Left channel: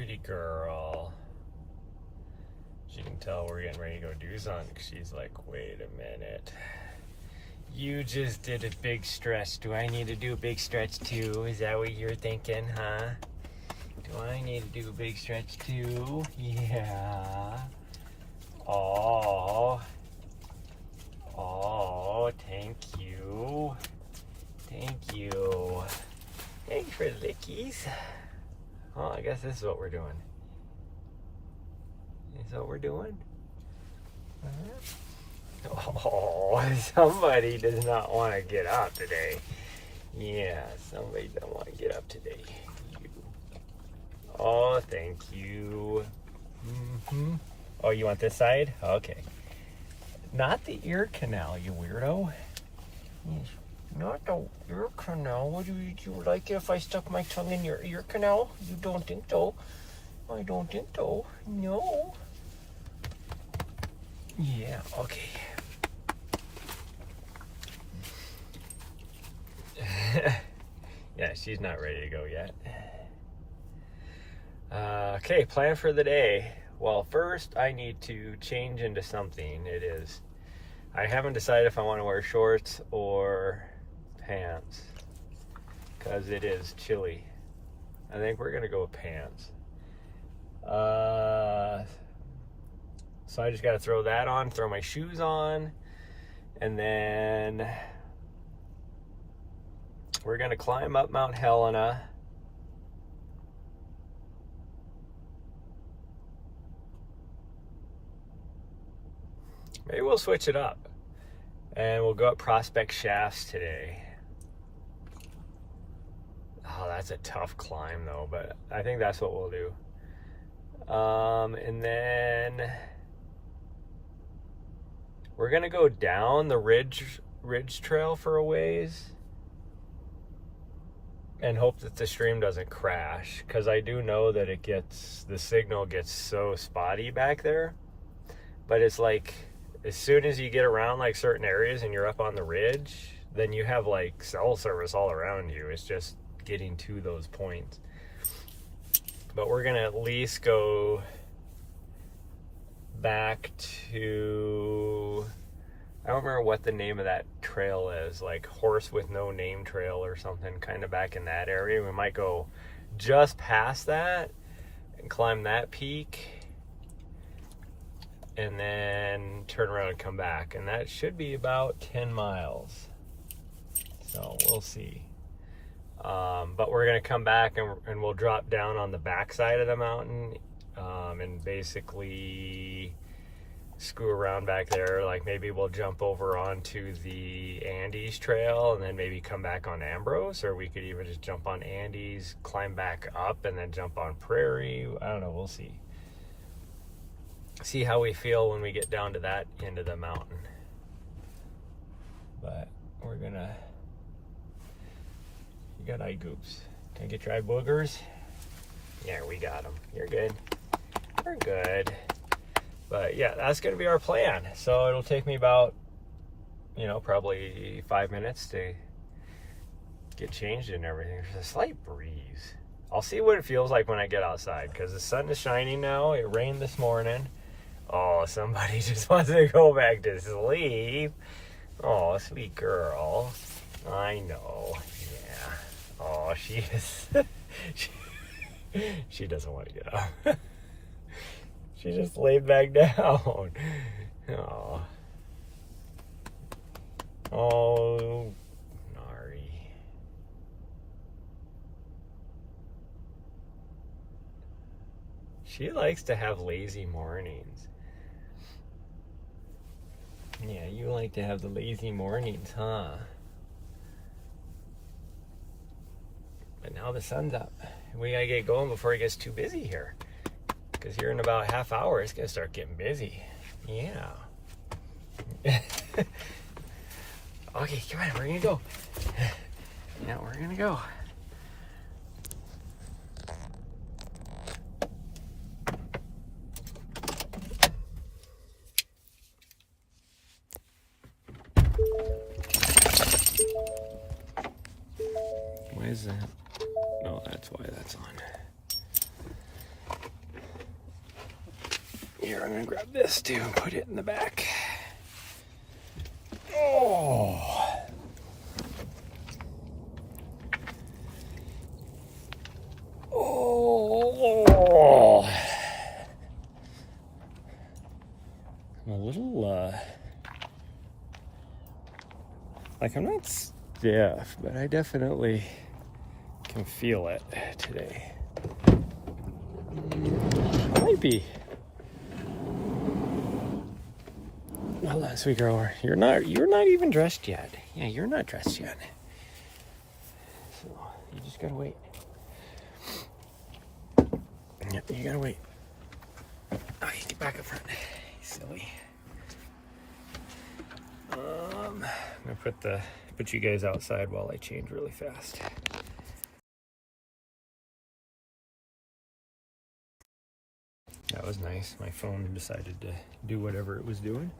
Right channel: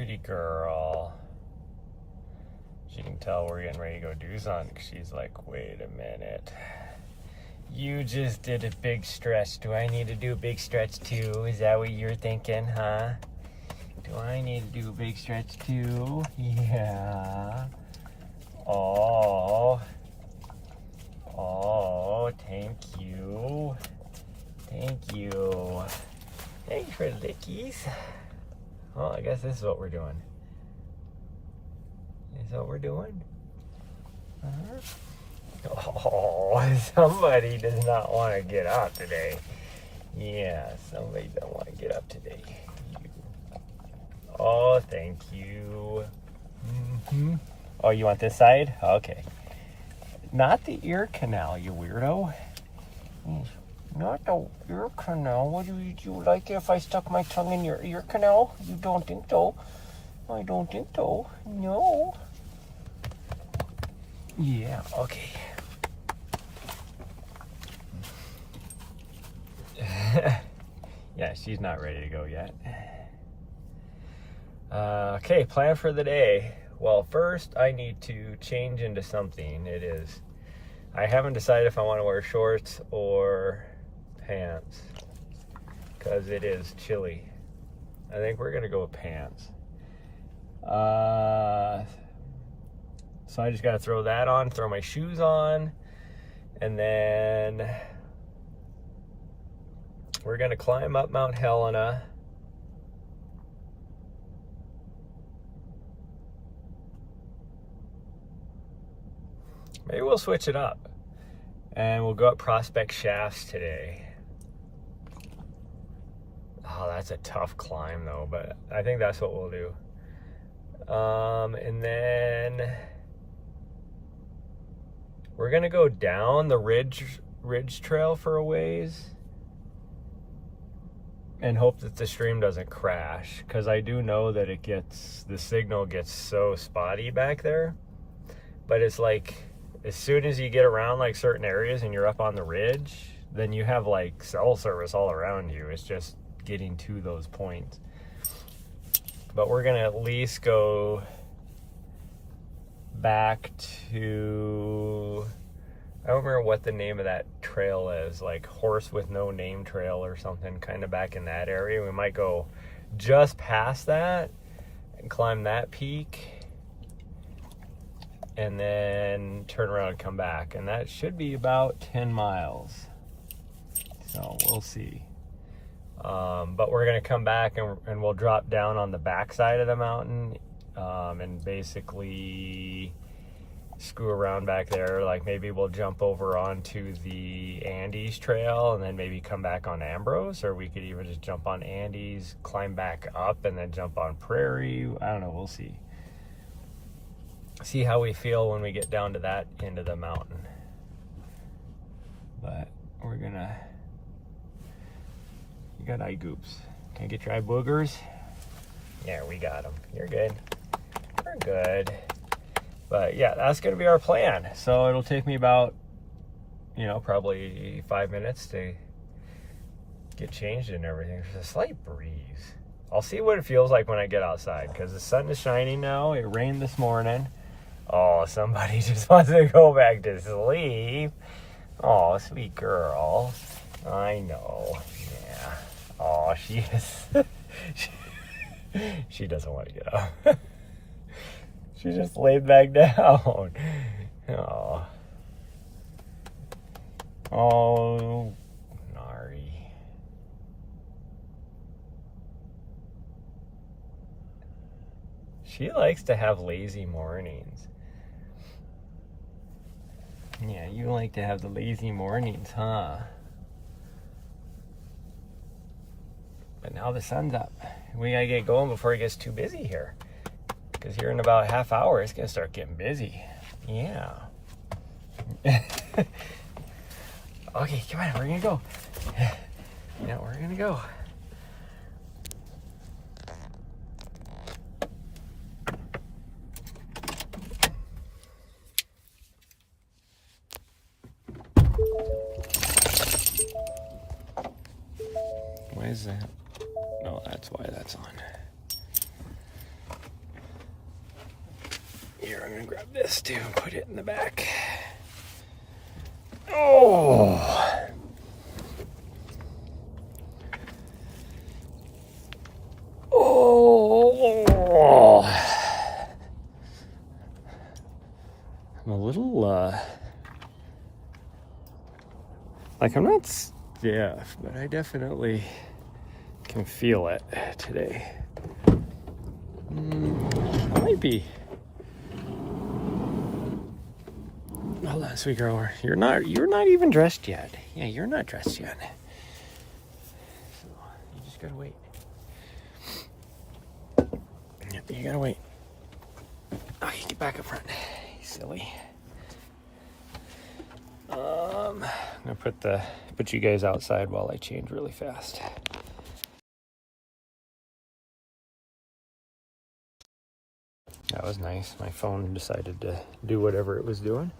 pretty girl. She can tell we're getting ready to go do something. She's like, wait a minute. You just did a big stretch. Do I need to do a big stretch too? Is that what you're thinking, huh? Do I need to do a big stretch too? Yeah. Oh, thank you. Thank you. Thanks for the lickies. Oh, I guess this is what we're doing. Is what we're doing? Oh, somebody does not want to get up today. Yeah, somebody don't want to get up today. Oh, thank you. Mm-hmm. Oh, you want this side? Okay. Not the ear canal, you weirdo. Not the ear canal. Would you like it if I stuck my tongue in your ear canal? You don't think so? I don't think so. No. Yeah, okay. Yeah, she's not ready to go yet. Okay, plan for the day. Well, first I need to change into something. I haven't decided if I want to wear shorts or pants because it is chilly. I think we're gonna go with pants. So I just got to throw that on, throw my shoes on, and then we're going to climb up Mt Helena. Maybe we'll switch it up and we'll go up Prospect Shafts today. Oh, that's a tough climb though, but I think that's what we'll do. And then we're gonna go down the ridge trail for a ways and hope that the stream doesn't crash, because I do know that the signal gets so spotty back there. But it's like as soon as you get around like certain areas and you're up on the ridge, then you have like cell service all around you. It's just getting to those points. But we're gonna at least go back to, I don't remember what the name of that trail is, like Horse with No Name Trail or something, kind of back in that area. We might go just past that and climb that peak and then turn around and come back. And that should be about 10 miles. So we'll see. But we're gonna come back and we'll drop down on the backside of the mountain and basically screw around back there. Like maybe we'll jump over onto the Andes trail and then maybe come back on Ambrose, or we could even just jump on Andes, climb back up, and then jump on Prairie. I don't know, we'll see. See how we feel when we get down to that end of the mountain. But we're gonna, you got eye goops. Can I get your eye boogers? Yeah, we got them. You're good. We're good. But yeah, that's going to be our plan. So it'll take me about, probably 5 minutes to get changed and everything. There's a slight breeze. I'll see what it feels like when I get outside, because the sun is shining now. It rained this morning. Oh, somebody just wants to go back to sleep. Oh, sweet girl. I know. Yeah. Oh, she is. She doesn't want to get up. She just laid back down. Oh. Oh, Nari. She likes to have lazy mornings. Yeah, you like to have the lazy mornings, huh? But now the sun's up. We gotta get going before it gets too busy here. Because here in about a half hour, it's gonna start getting busy. Yeah. Okay, come on, we're gonna go. Yeah, we're gonna go. Why is that? No, that's why that's on. Here, I'm gonna grab this too and put it in the back. Oh. Oh. I'm a little, like I'm not stiff, but I definitely can feel it today. I might be. Hold on, sweet girl. You're not even dressed yet. Yeah, you're not dressed yet. So you just gotta wait. Yep, you gotta wait. Okay, get back up front. You silly. I'm gonna put you guys outside while I change really fast. That was nice. My phone decided to do whatever it was doing.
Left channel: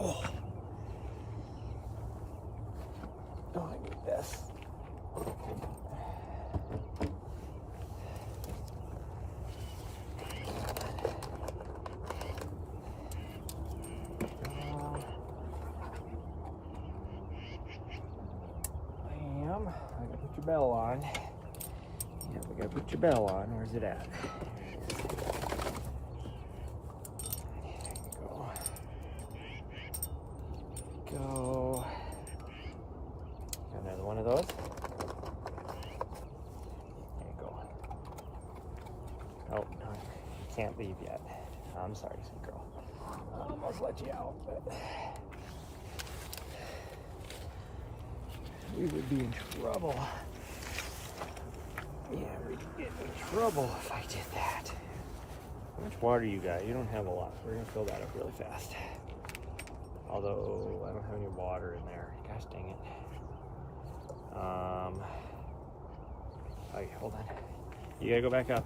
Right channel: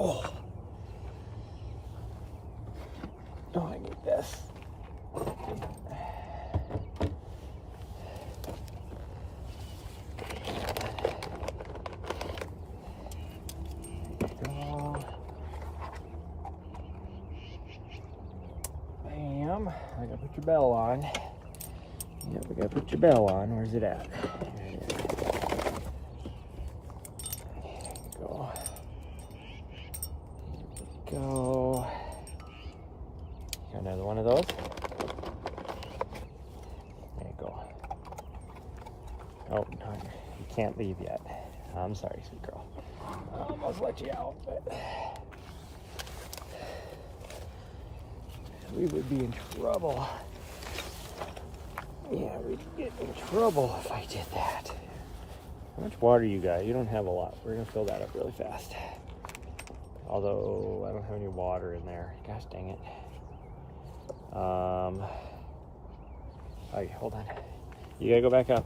Oh. Oh, I need this. Bam. I gotta put your bell on. Yeah, we gotta put your bell on. Where's it at? Go. Got another one of those. There you go. Oh, no, you can't leave yet. I'm sorry, sweet girl. I almost let you out, but we would be in trouble. Yeah, we could get in trouble if I did that. How much water you got? You don't have a lot. We're gonna fill that up really fast. Although I don't have any water in there. Gosh dang it. Oh, hold on. You gotta go back up.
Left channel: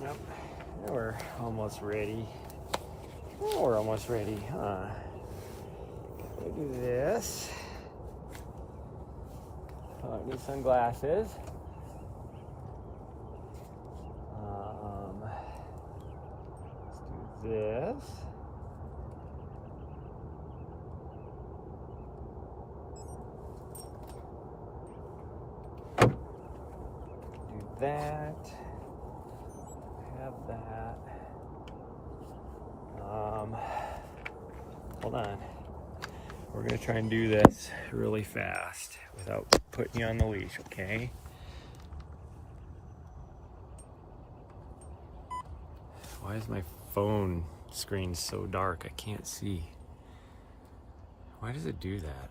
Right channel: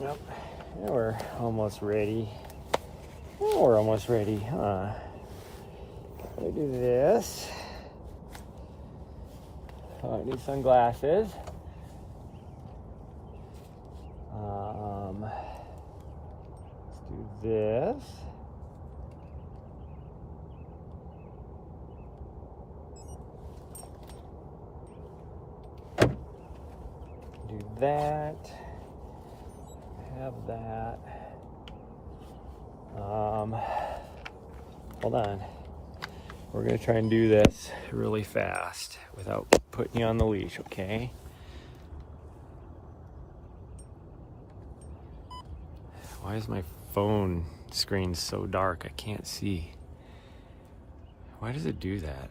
Yep, we're almost ready. We're almost ready, huh? We do this. Oh, I need sunglasses. Let's do this. Do that. Have that. Hold on. We're gonna try and do this really fast without putting you on the leash, okay? Why is my phone screen so dark? I can't see. Why does it do that?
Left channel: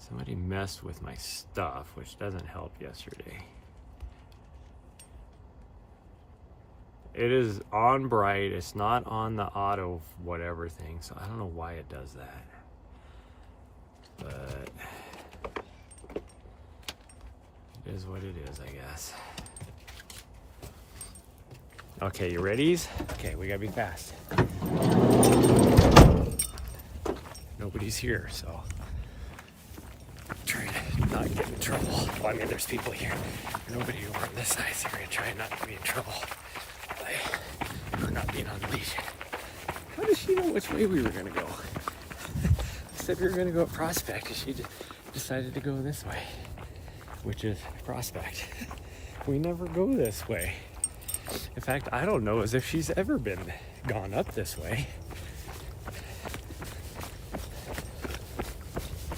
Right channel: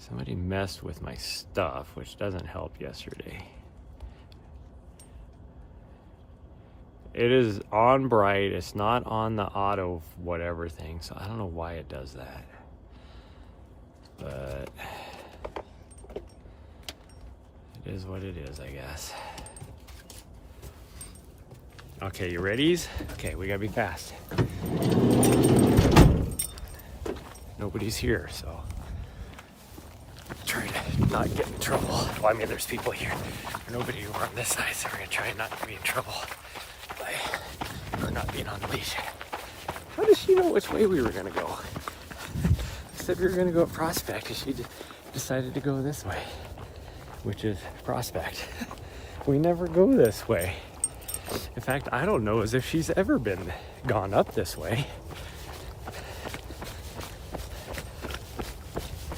Somebody messed with my stuff, which doesn't help yesterday. It is on bright, it's not on the auto whatever thing, so I don't know why it does that. But it is what it is, I guess. Okay, you ready? Okay, we gotta be fast. Nobody's here, so try to not get in trouble. Well, I mean, there's people here. Nobody over on this side, so we're gonna try not to be in trouble by not being on the leash. How does she know which way we were gonna go? I said we were gonna go at Prospect, and she decided to go this way, which is Prospect. We never go this way. In fact, I don't know as if she's ever gone up this way.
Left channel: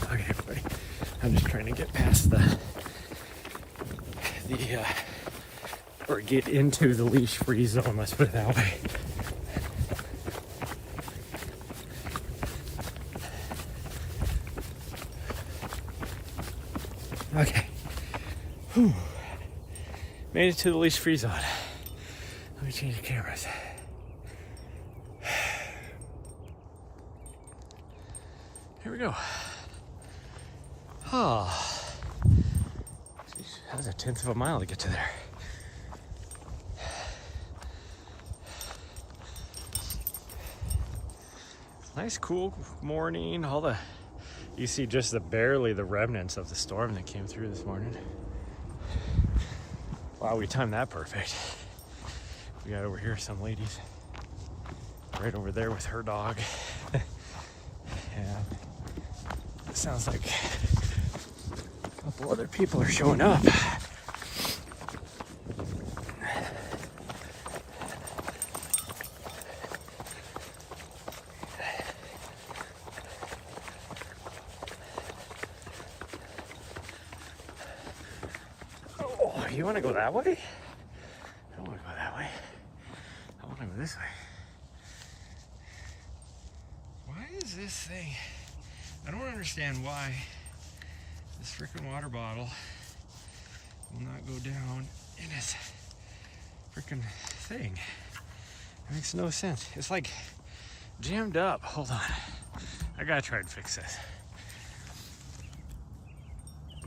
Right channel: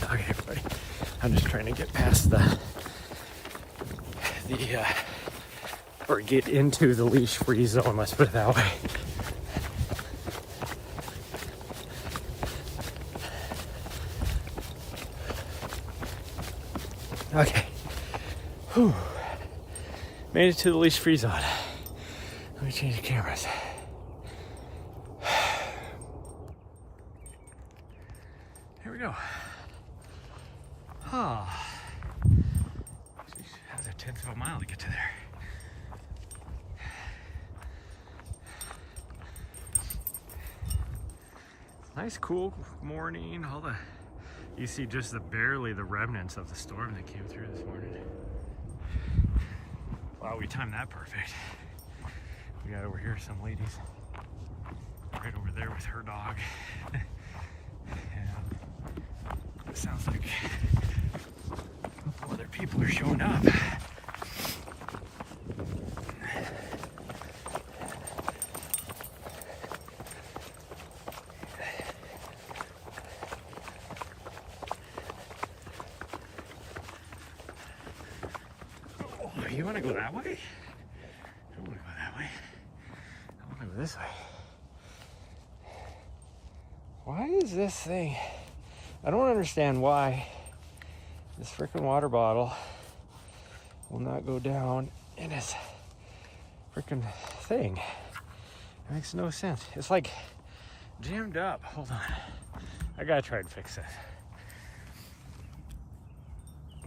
Okay, everybody, I'm just trying to get past or get into the leash-free zone, let's put it that way. Okay. Whew. Made it to the leash-free zone. Let me change the cameras. Here we go. Oh. That was a 1/10 of a mile to get to there. Nice cool morning. You see just barely the remnants of the storm that came through this morning. Wow, we timed that perfect. We got over here some ladies right over there with her dog. And it sounds like a couple other people are showing up. Oh, you want to go that way? I don't want to go that way. I want to go this way. Why is this thing? I don't understand why this freaking water bottle will not go down in this freaking thing. It makes no sense. It's like jammed up. Hold on. I gotta try and fix this.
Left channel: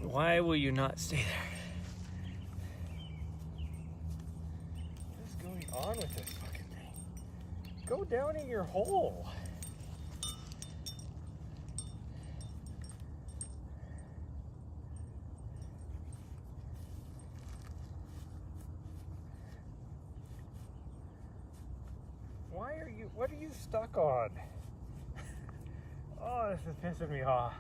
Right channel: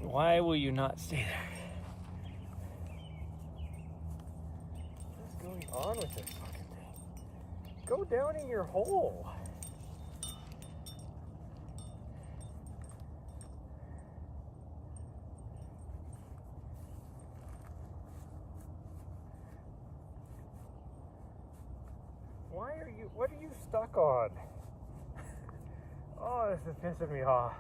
Oh, Why will you not stay there? What is going on with this fucking thing? Go down in your hole. What are you stuck on? Oh, this is pissing me off.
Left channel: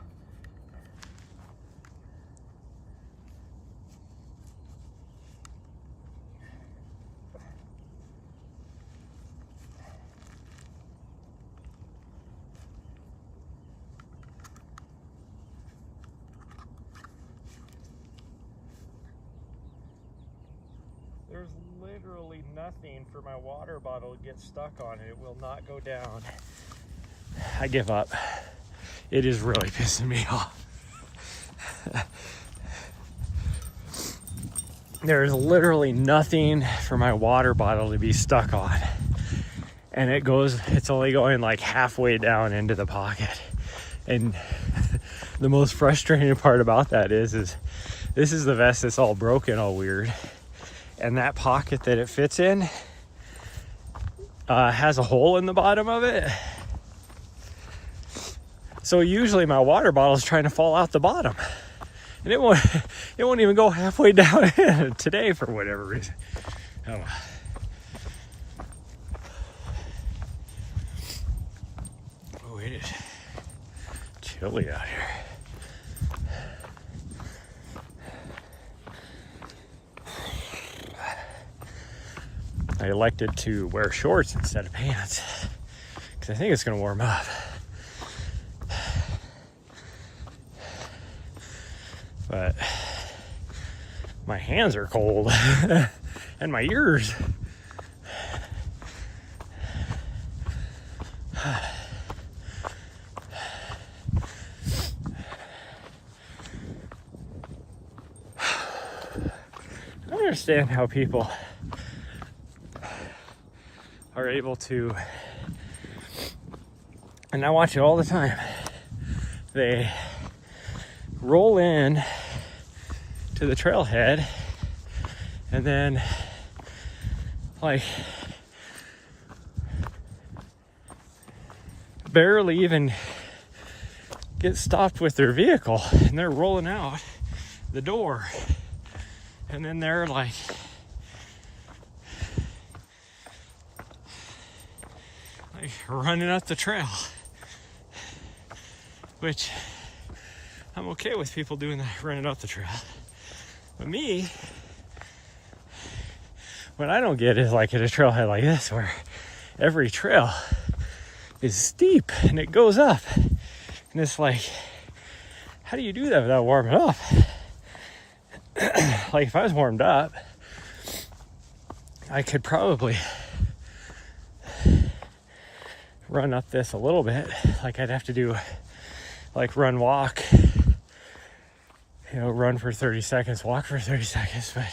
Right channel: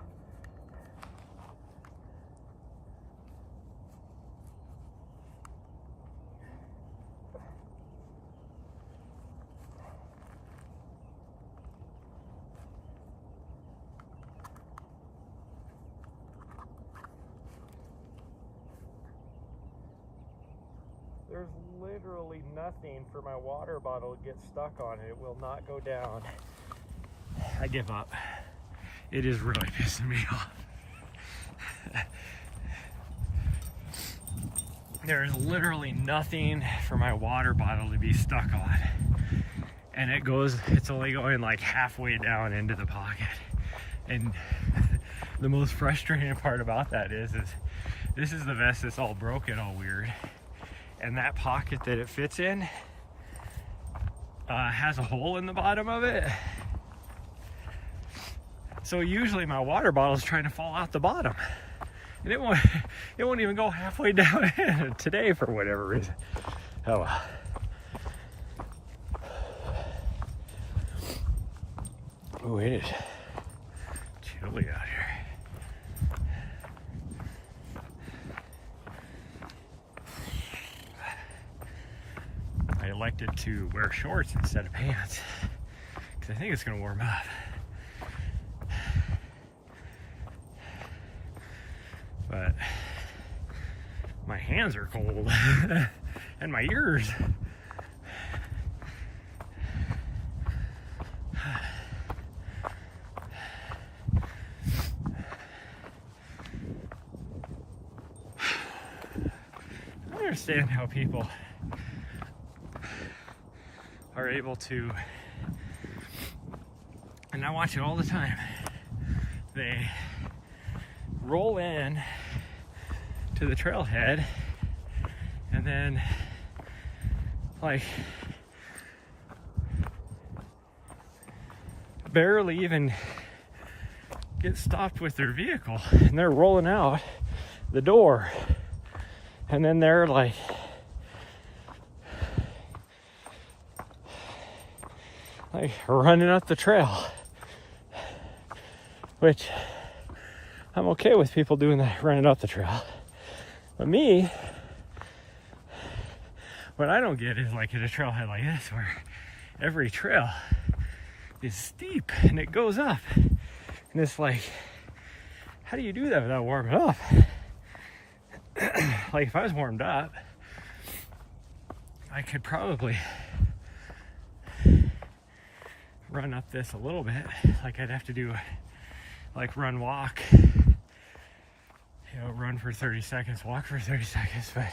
There's literally nothing for my water bottle to get stuck on. It will not go down. I give up. It is really pissing me off. There's literally nothing for my water bottle to be stuck on. And it's only going like halfway down into the pocket. And the most frustrating part about that is this is the vest that's all broken, all weird. And that pocket that it fits in has a hole in the bottom of it. So usually my water bottle is trying to fall out the bottom. And it won't even go halfway down today for whatever reason. Oh well. Oh, it is chilly out here. I elected to wear shorts instead of pants because I think it's going to warm up. But my hands are cold and my ears. I don't understand how people are able to, and I watch it all the time, they roll in to the trailhead and then like barely even get stopped with their vehicle and they're rolling out the door and then they're like running up the trail, which I'm okay with people doing that, running up the trail. But me, what I don't get is like at a trailhead like this where every trail is steep and it goes up. And it's like, how do you do that without warming up? Like if I was warmed up, I could probably run up this a little bit. Like I'd have to do like run, walk, run for 30 seconds, walk for 30 seconds, but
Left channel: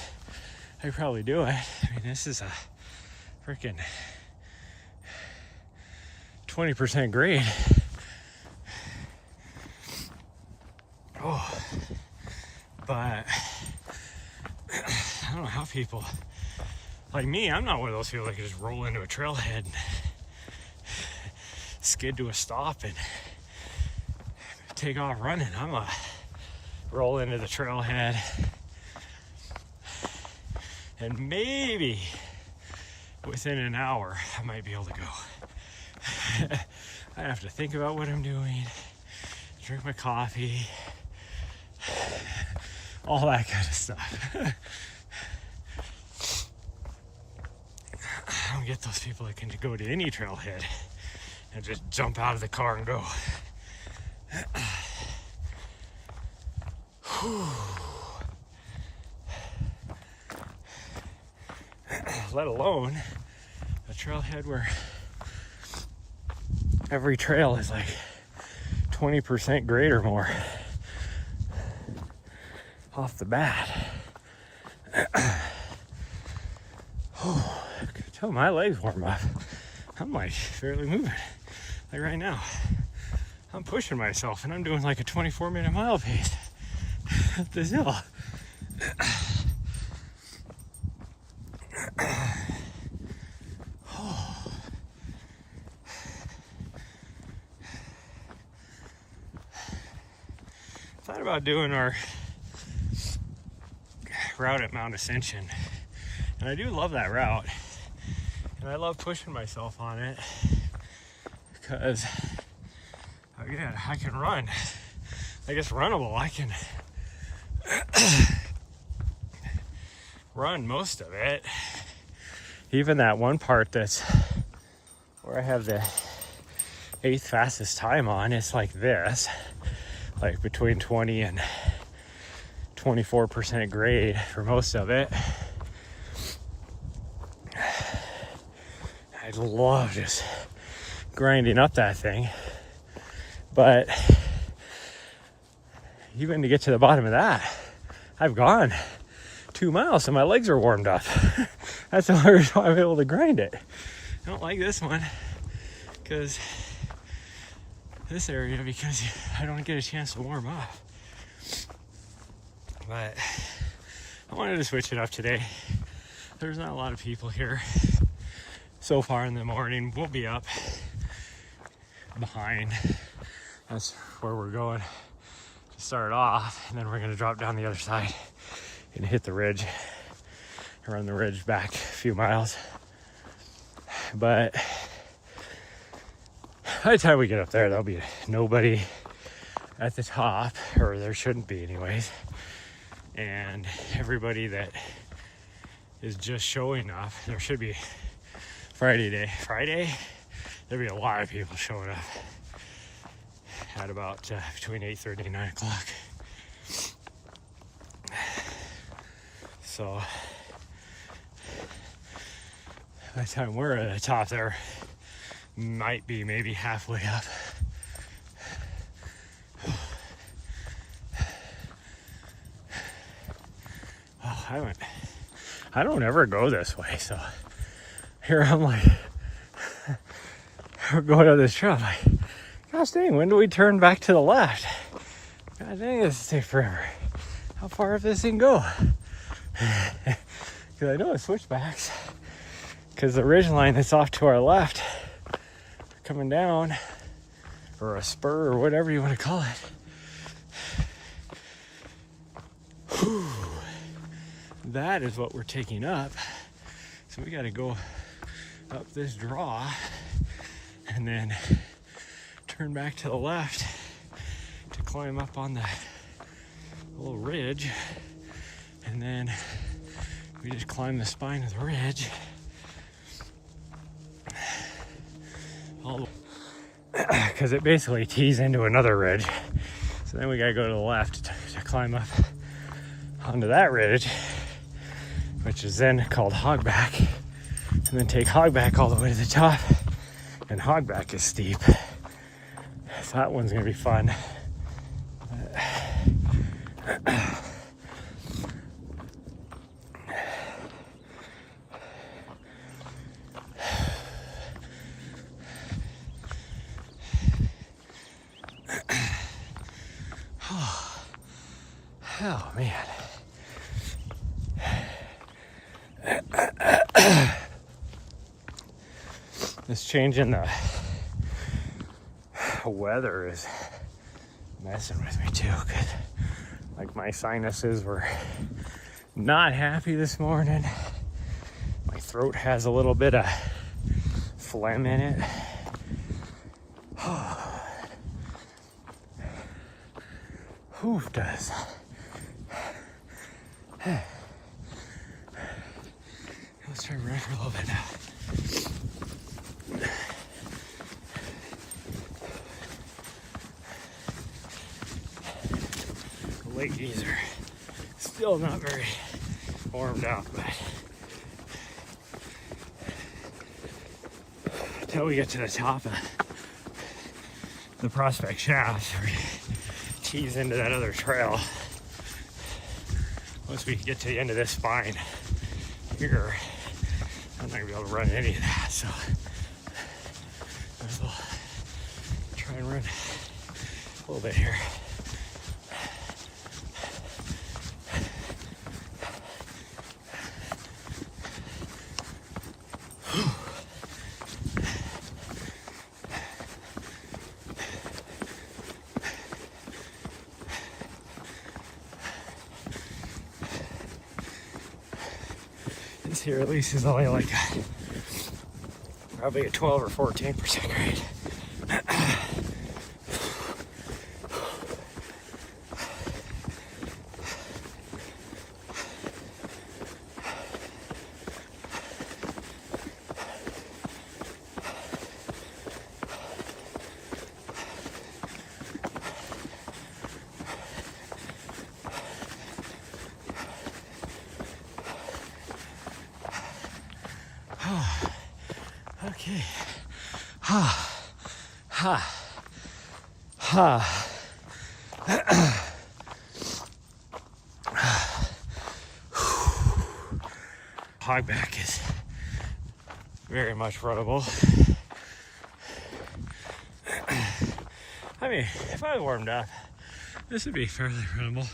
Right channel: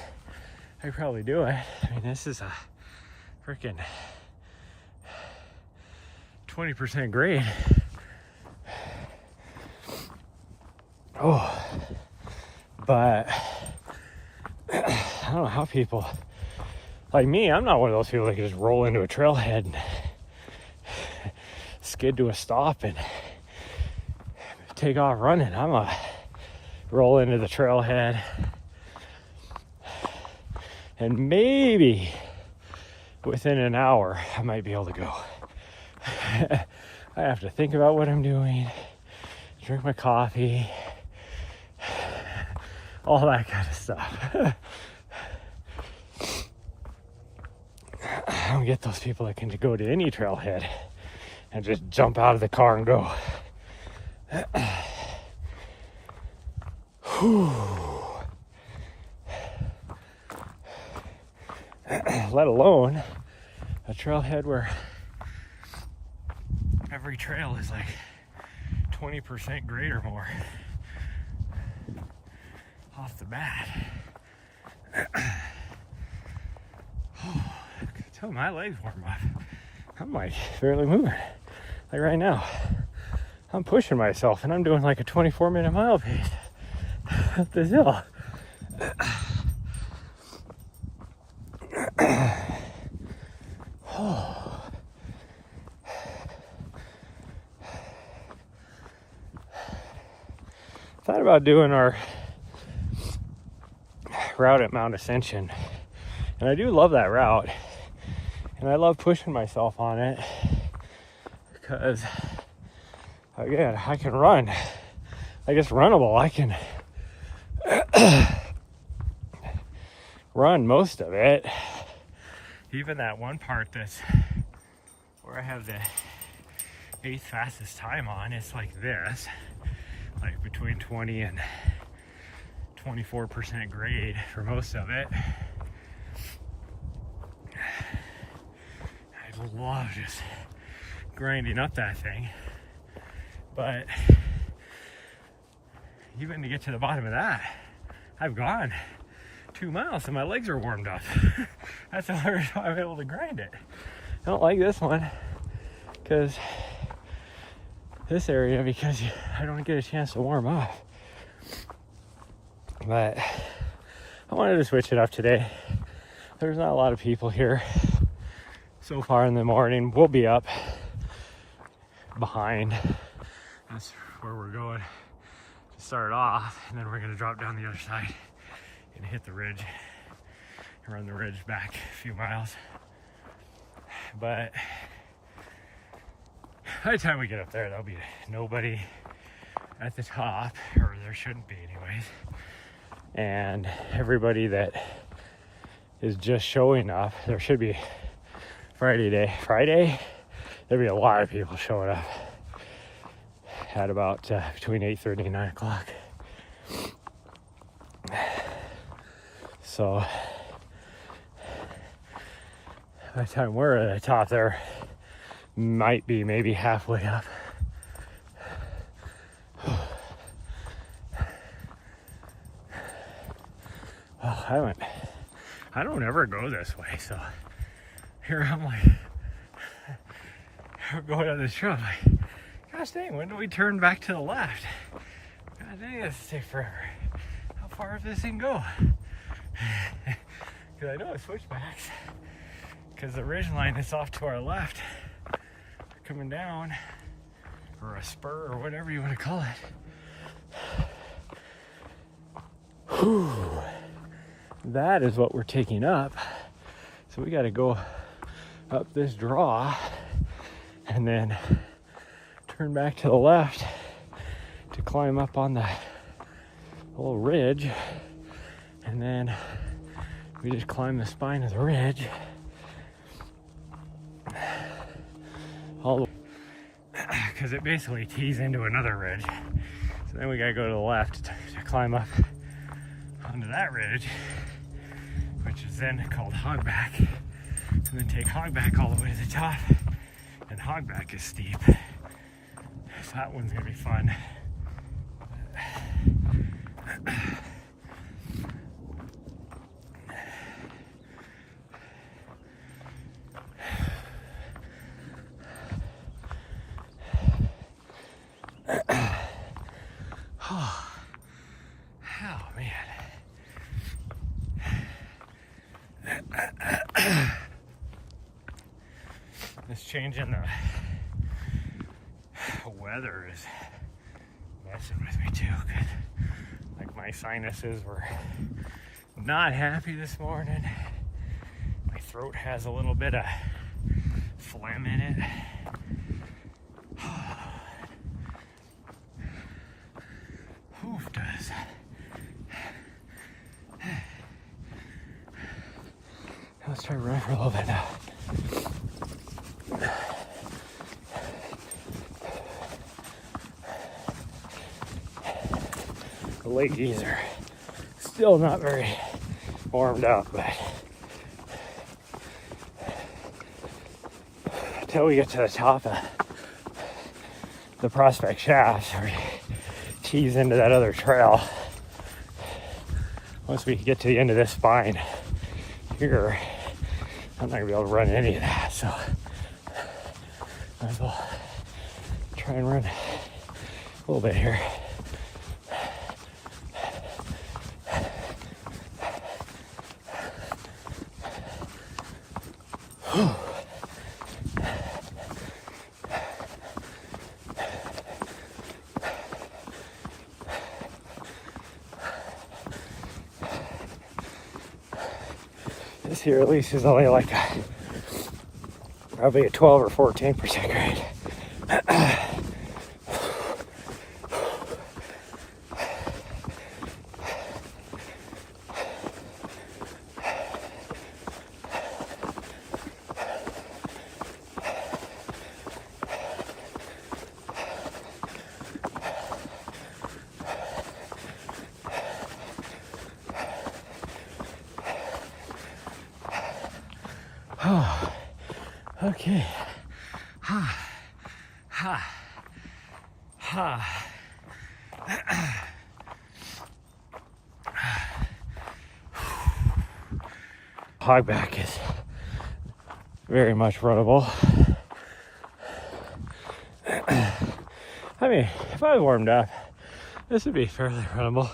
I could probably do it. I mean, this is a freaking 20% grade. Oh, but I don't know how people like me, I'm not one of those people that can just roll into a trailhead and skid to a stop and take off running. I'm a roll into the trailhead and maybe within an hour I might be able to go. I have to think about what I'm doing, drink my coffee, all that kind of stuff. I don't get those people that can go to any trailhead and just jump out of the car and go. Let alone a trailhead where every trail is like 20% grade or more off the bat. I can tell my legs warm up. I'm like barely moving. Like right now, I'm pushing myself and I'm doing like a 24-minute mile pace. up this hill. Thought about doing our route at Mount Ascension, and I do love that route, and I love pushing myself on it because, again, I can run. I guess runnable. I can run most of it. Even that one part that's where I have the 8th fastest time on, it's like this, like between 20 and 24% grade for most of it. I love just grinding up that thing, but even to get to the bottom of that, I've gone 2 miles, so my legs are warmed up. That's the only reason why I'm able to grind it. I don't like this one because I don't get a chance to warm up. But I wanted to switch it up today. There's not a lot of people here so far in the morning. We'll be up behind. That's where we're going to start off, and then we're going to drop down the other side and hit the ridge, run the ridge back a few miles. But by the time we get up there, there'll be nobody at the top, or there shouldn't be anyways. And everybody that is just showing up, there should be Friday, there'll be a lot of people showing up at about between 8:30 and 9 o'clock. So by the time we're at the top, there might be maybe halfway up. Well, I don't ever go this way, so here I'm like, we're going up this trail. I'm like, gosh dang, when do we turn back to the left? God dang, this will take forever. How far up this thing go? Because I know it's switchbacks. Because the ridge line that's off to our left, coming down, or a spur, or whatever you want to call it. Whew. That is what we're taking up. So we got to go up this draw and then turn back to the left to climb up on the little ridge, and then we just climb the spine of the ridge all because it basically tees into another ridge. So then we got to go to the left to climb up onto that ridge, which is then called Hogback, and then take Hogback all the way to the top. And Hogback is steep, so that one's gonna be fun. Oh man. This change in the weather is messing with me too, because like my sinuses were not happy this morning. My throat has a little bit of phlegm in it. Who does? Let's try to run for a little bit now. The ladies are still not very warmed up, but until we get to the top of the Prospect Shaft, or tease into that other trail, once we get to the end of this spine here, I'm not gonna be able to run any of that, so might as well try and run a little bit here. This here at least is only like probably a 12 or 14% grade. Okay. Ha. Ha. Ha. Hogback is very much runnable. I mean, if I was warmed up, this would be fairly runnable.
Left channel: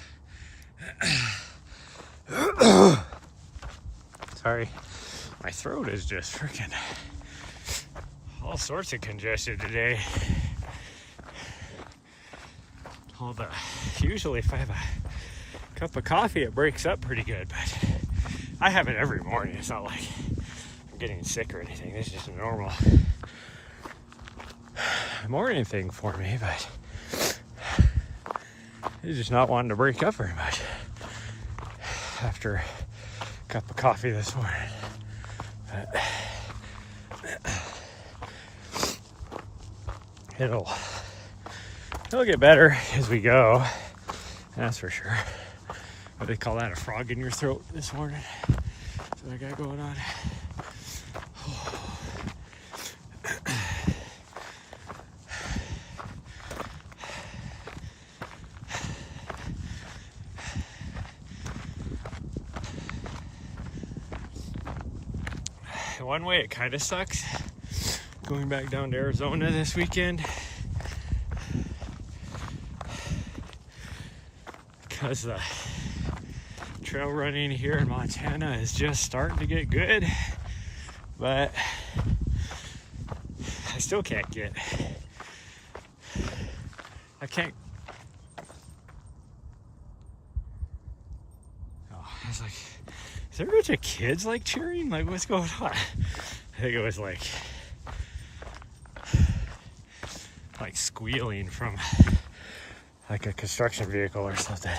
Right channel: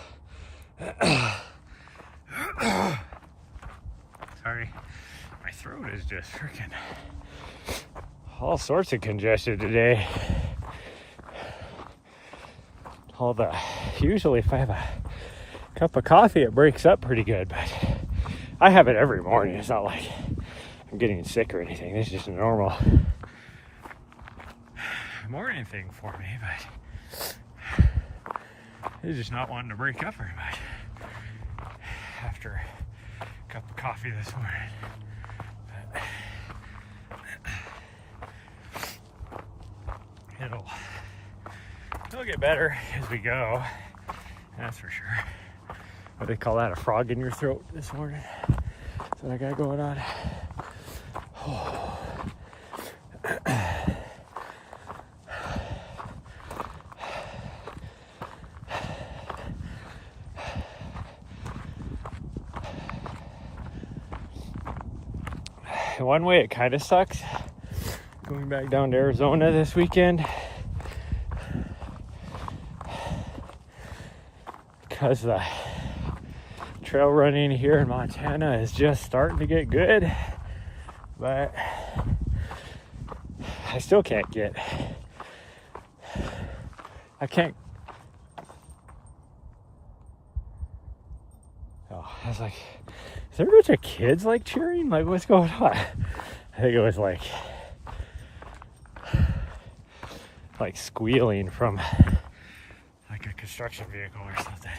Sorry, my throat is just freaking all sorts of congested today. Usually if I have a cup of coffee, it breaks up pretty good, but I have it every morning. It's not like I'm getting sick or anything. This is just a normal morning thing for me, but it's just not wanting to break up very much after a cup of coffee this morning. It'll get better as we go, that's for sure. What do they call that, a frog in your throat this morning? That's what I got going on. One way it kind of sucks going back down to Arizona this weekend, because the trail running here in Montana is just starting to get good, but I still can't get, oh, I was like, is there a bunch of kids like cheering? Like, what's going on? I think it was like squealing from like a construction vehicle or something.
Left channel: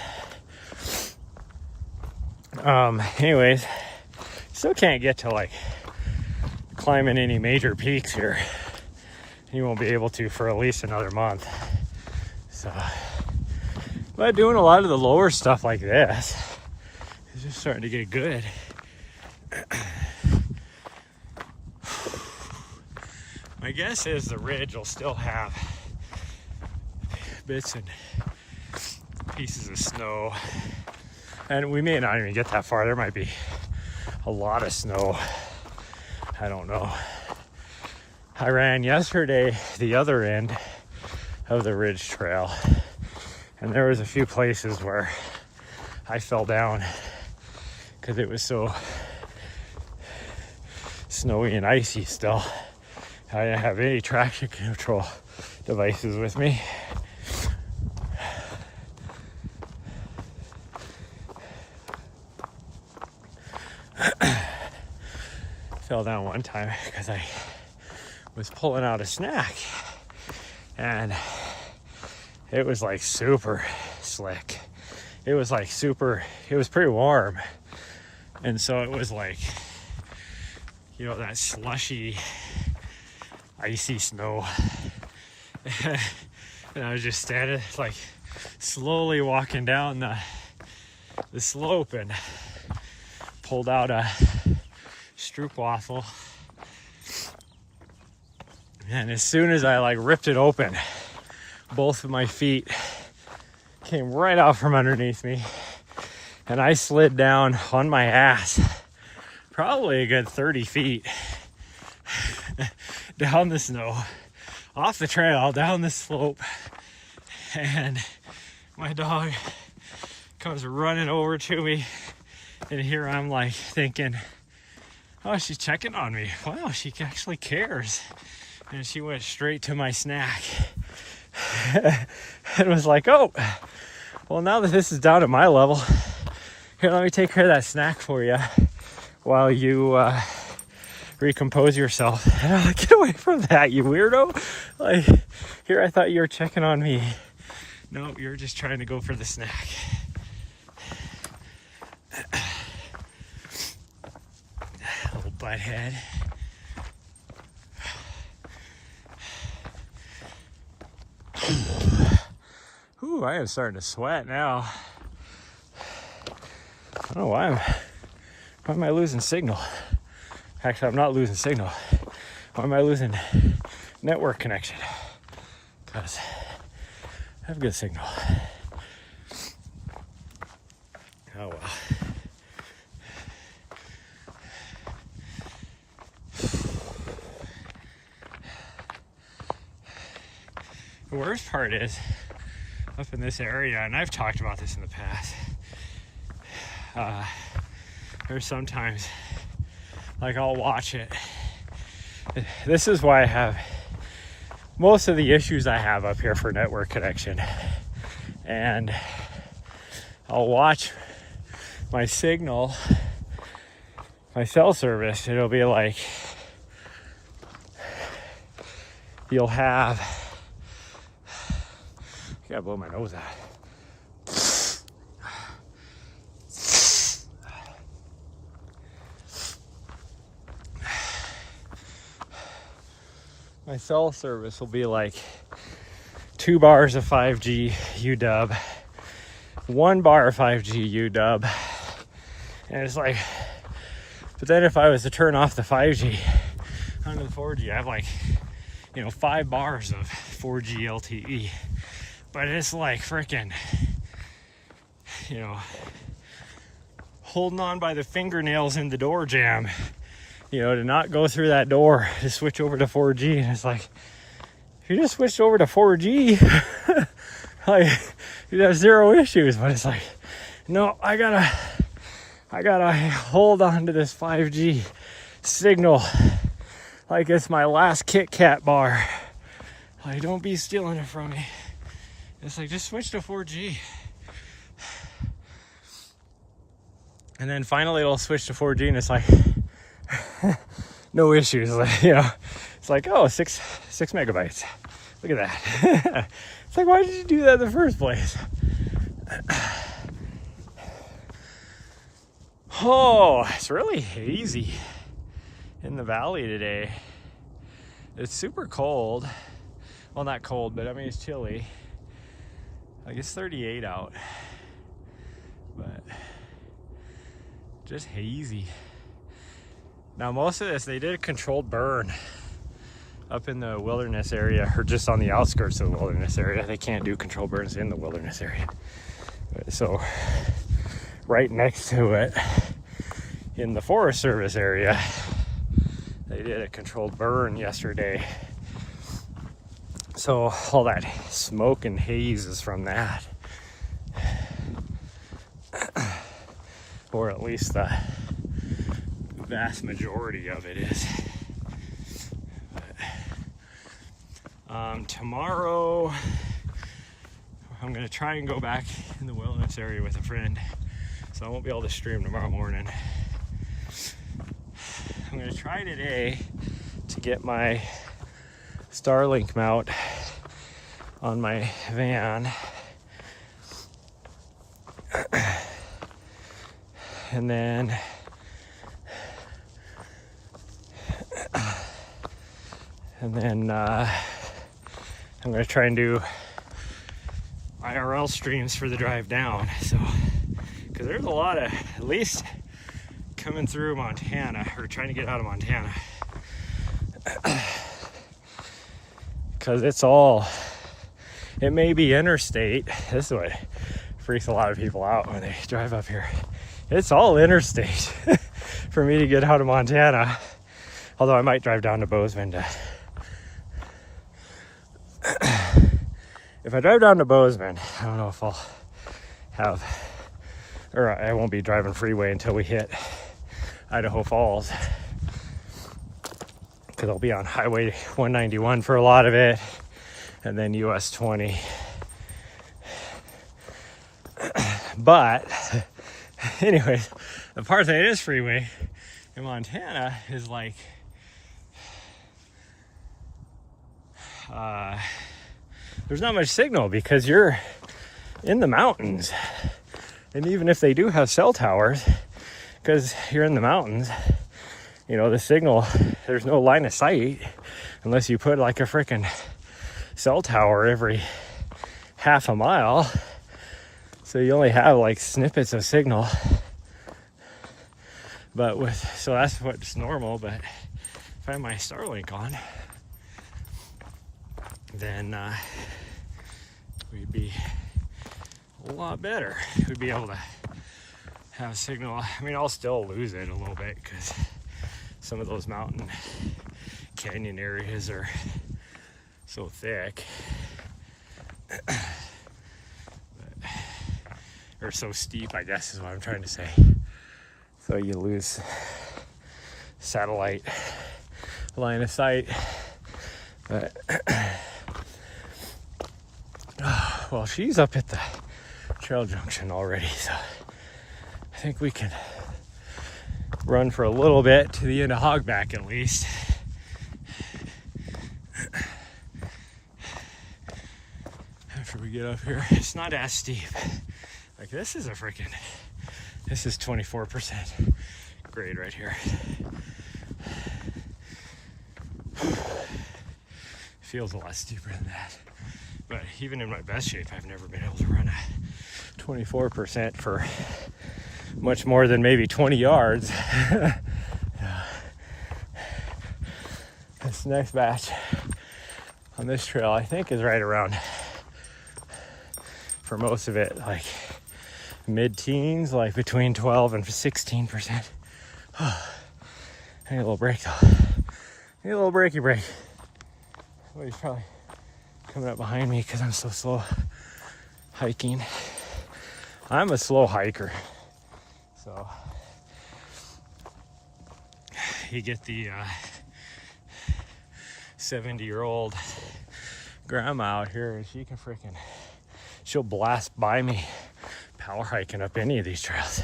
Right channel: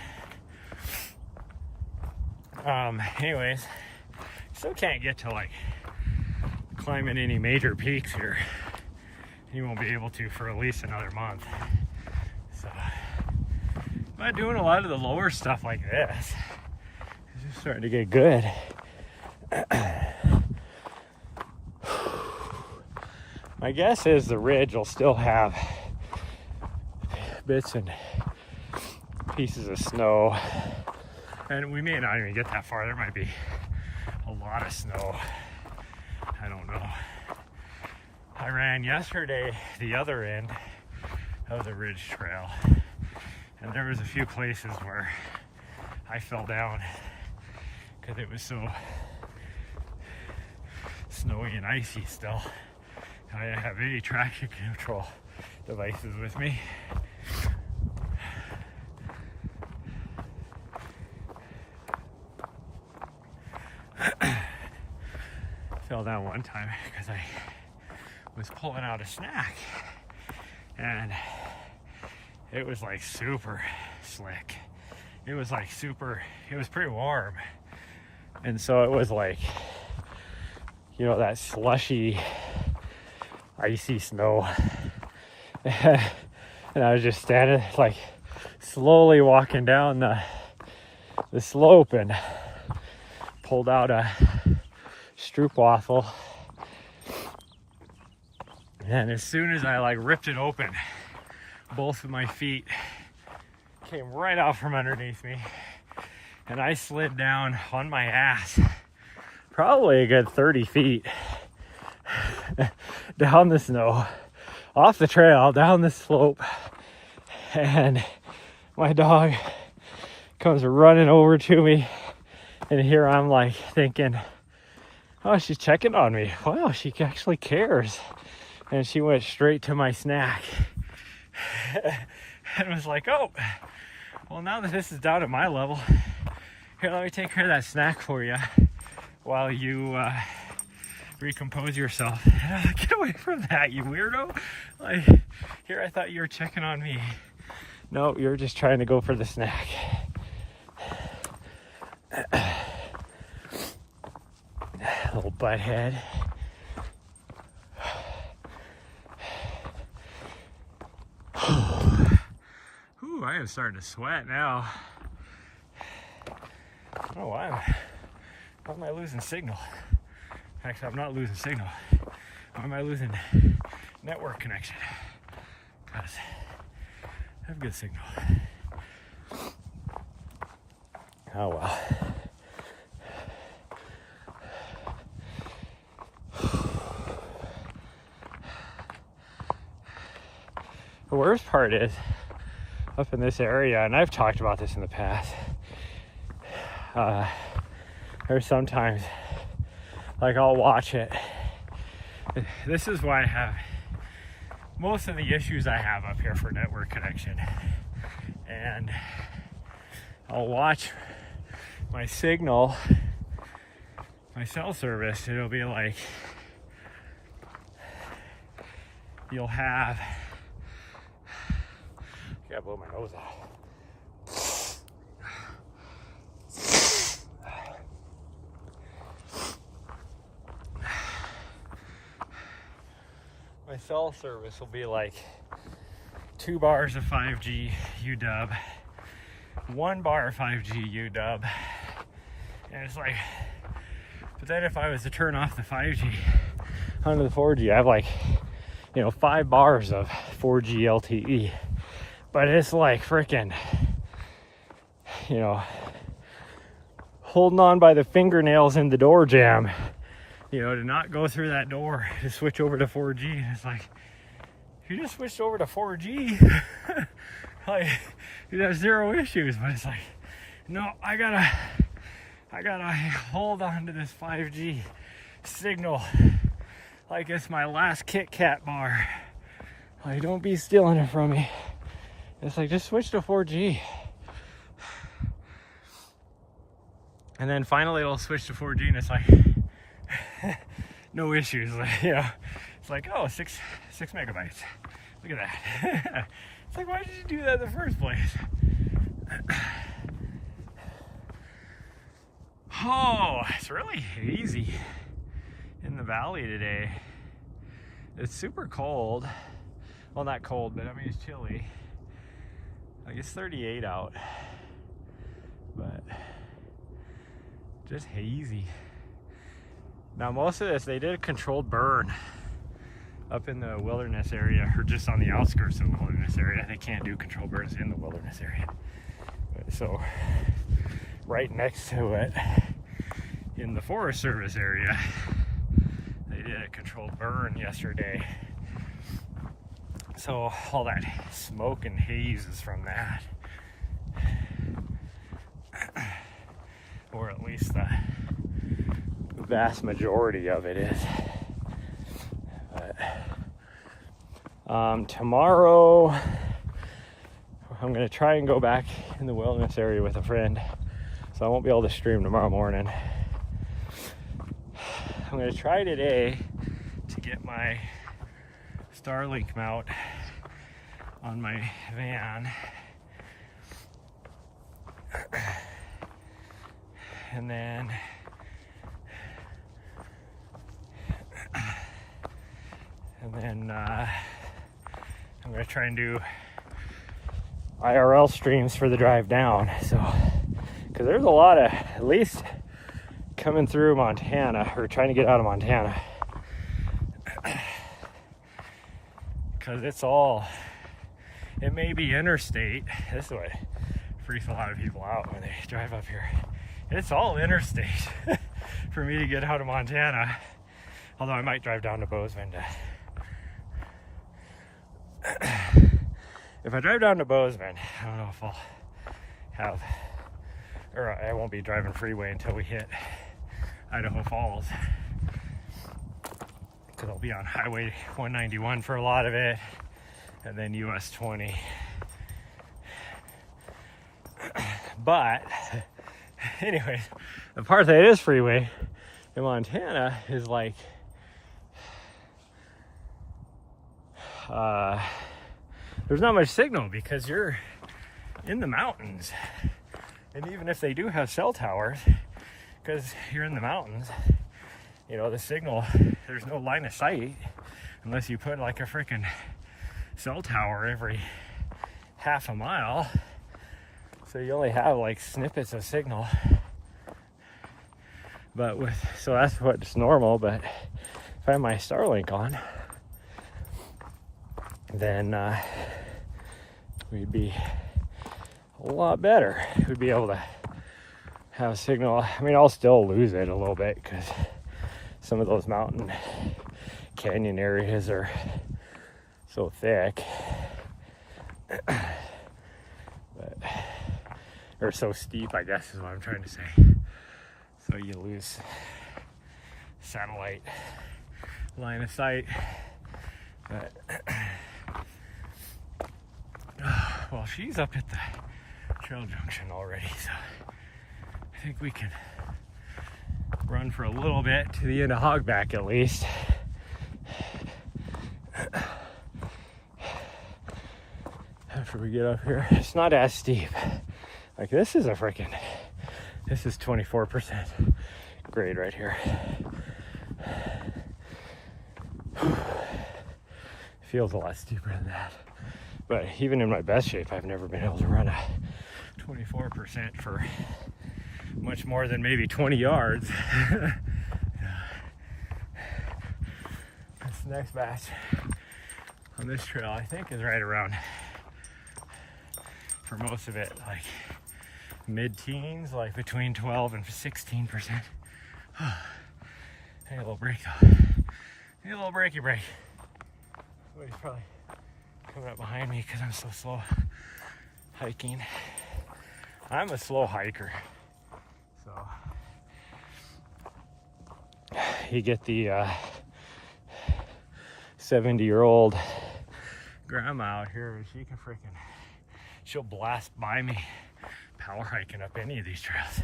Anyways, still can't get to like climbing any major peaks here. You won't be able to for at least another month. So, but doing a lot of the lower stuff like this is just starting to get good. My guess is the ridge will still have bits and pieces of snow, and we may not even get that far. There might be a lot of snow. I don't know. I ran yesterday the other end of the ridge trail, and there was a few places where I fell down because it was so snowy and icy still. I didn't have any traction control devices with me. Fell down one time because I was pulling out a snack, and it was like super slick. It was like it was pretty warm, and so it was like, you know, that slushy icy snow. And I was just standing, like, slowly walking down the slope, and pulled out a stroopwafel, and as soon as I like ripped it open, both of my feet came right out from underneath me, and I slid down on my ass probably a good 30 feet down the snow, off the trail, down the slope, and my dog comes running over to me, and here I'm like thinking, Oh, she's checking on me. Wow, she actually cares. And she went straight to my snack. And was like, oh, well, now that this is down at my level, here, let me take care of that snack for you while you recompose yourself. And I'm like, get away from that, you weirdo. Like, here, I thought you were checking on me. No, you're just trying to go for the snack. Little butthead. Ooh, I am starting to sweat now. I don't know why am I losing signal? Actually, I'm not losing signal. Why am I losing network connection? Because I have good signal. Oh well. The worst part is up in this area, and I've talked about this in the past, there's sometimes, like, I'll watch it. This is why I have most of the issues I have up here for network connection. And I'll watch my signal, my cell service. It'll be like, you'll have, I gotta blow my nose out. My cell service will be like 2 bars of 5G UW, 1 bar of 5G UW, and it's like, but then if I was to turn off the 5G onto the 4G, I have like, 5 bars of 4G LTE, but it's like freaking, holding on by the fingernails in the door jamb, to not go through that door to switch over to 4G. And it's like, if you just switched over to 4G, like, you'd have 0 issues. But it's like, no, I gotta hold on to this 5G signal like it's my last Kit Kat bar. Like, don't be stealing it from me. It's like, just switch to 4G. And then finally it'll switch to 4G, and it's like, no issues. Like, it's like, oh, 6 megabytes. Look at that. It's like, why did you do that in the first place? Oh, it's really hazy in the valley today. It's super cold. Well, not cold, but I mean, it's chilly. Like, it's 38 out, but just hazy. Now, most of this, they did a controlled burn up in the wilderness area, or just on the outskirts of the wilderness area. They can't do controlled burns in the wilderness area. So right next to it, in the Forest Service area, they did a controlled burn yesterday. So all that smoke and haze is from that. Or at least the vast majority of it is. But, tomorrow I'm going to try and go back in the wilderness area with a friend, so I won't be able to stream tomorrow morning. I'm going to try today to get my Starlink mount on my van, and then I'm going to try and do IRL streams for the drive down. So, because there's a lot of, at least coming through Montana, or trying to get out of Montana, because it may be interstate. This is what freaks a lot of people out when they drive up here. It's all interstate for me to get out of Montana. Although I might drive down to Bozeman to... If I drive down to Bozeman, I don't know if I'll have... Or I won't be driving freeway until we hit Idaho Falls. because I'll be on Highway 191 for a lot of it, and then US 20. But anyways, the part that is freeway in Montana is like there's not much signal because you're in the mountains. And even if they do have cell towers, because you're in the mountains, you know, the signal, there's no line of sight unless you put like a freaking cell tower every half a mile. So you only have like snippets of signal. But so that's what's normal. But if I have my Starlink on, then we'd be a lot better. We'd be able to have a signal. I mean, I'll still lose it a little bit because some of those mountain canyon areas are so thick. Or so steep, I guess is what I'm trying to say. So you lose satellite line of sight. But well, she's up at the trail junction already, so I think we can run for a little bit to the end of Hogback at least. After we get up here, it's not as steep. Like this is 24% grade right here. Feels a lot steeper than that. But even in my best shape, I've never been able to run a 24% for much more than maybe 20 yards. Yeah. This next batch on this trail, I think, is right around, for most of it, like mid-teens, like between 12 and 16%. I need a little break though. Need a little breaky break. Somebody's probably coming up behind me because I'm so slow hiking. I'm a slow hiker, so you get the 70-year-old grandma out here, and she'll blast by me power hiking up any of these trails.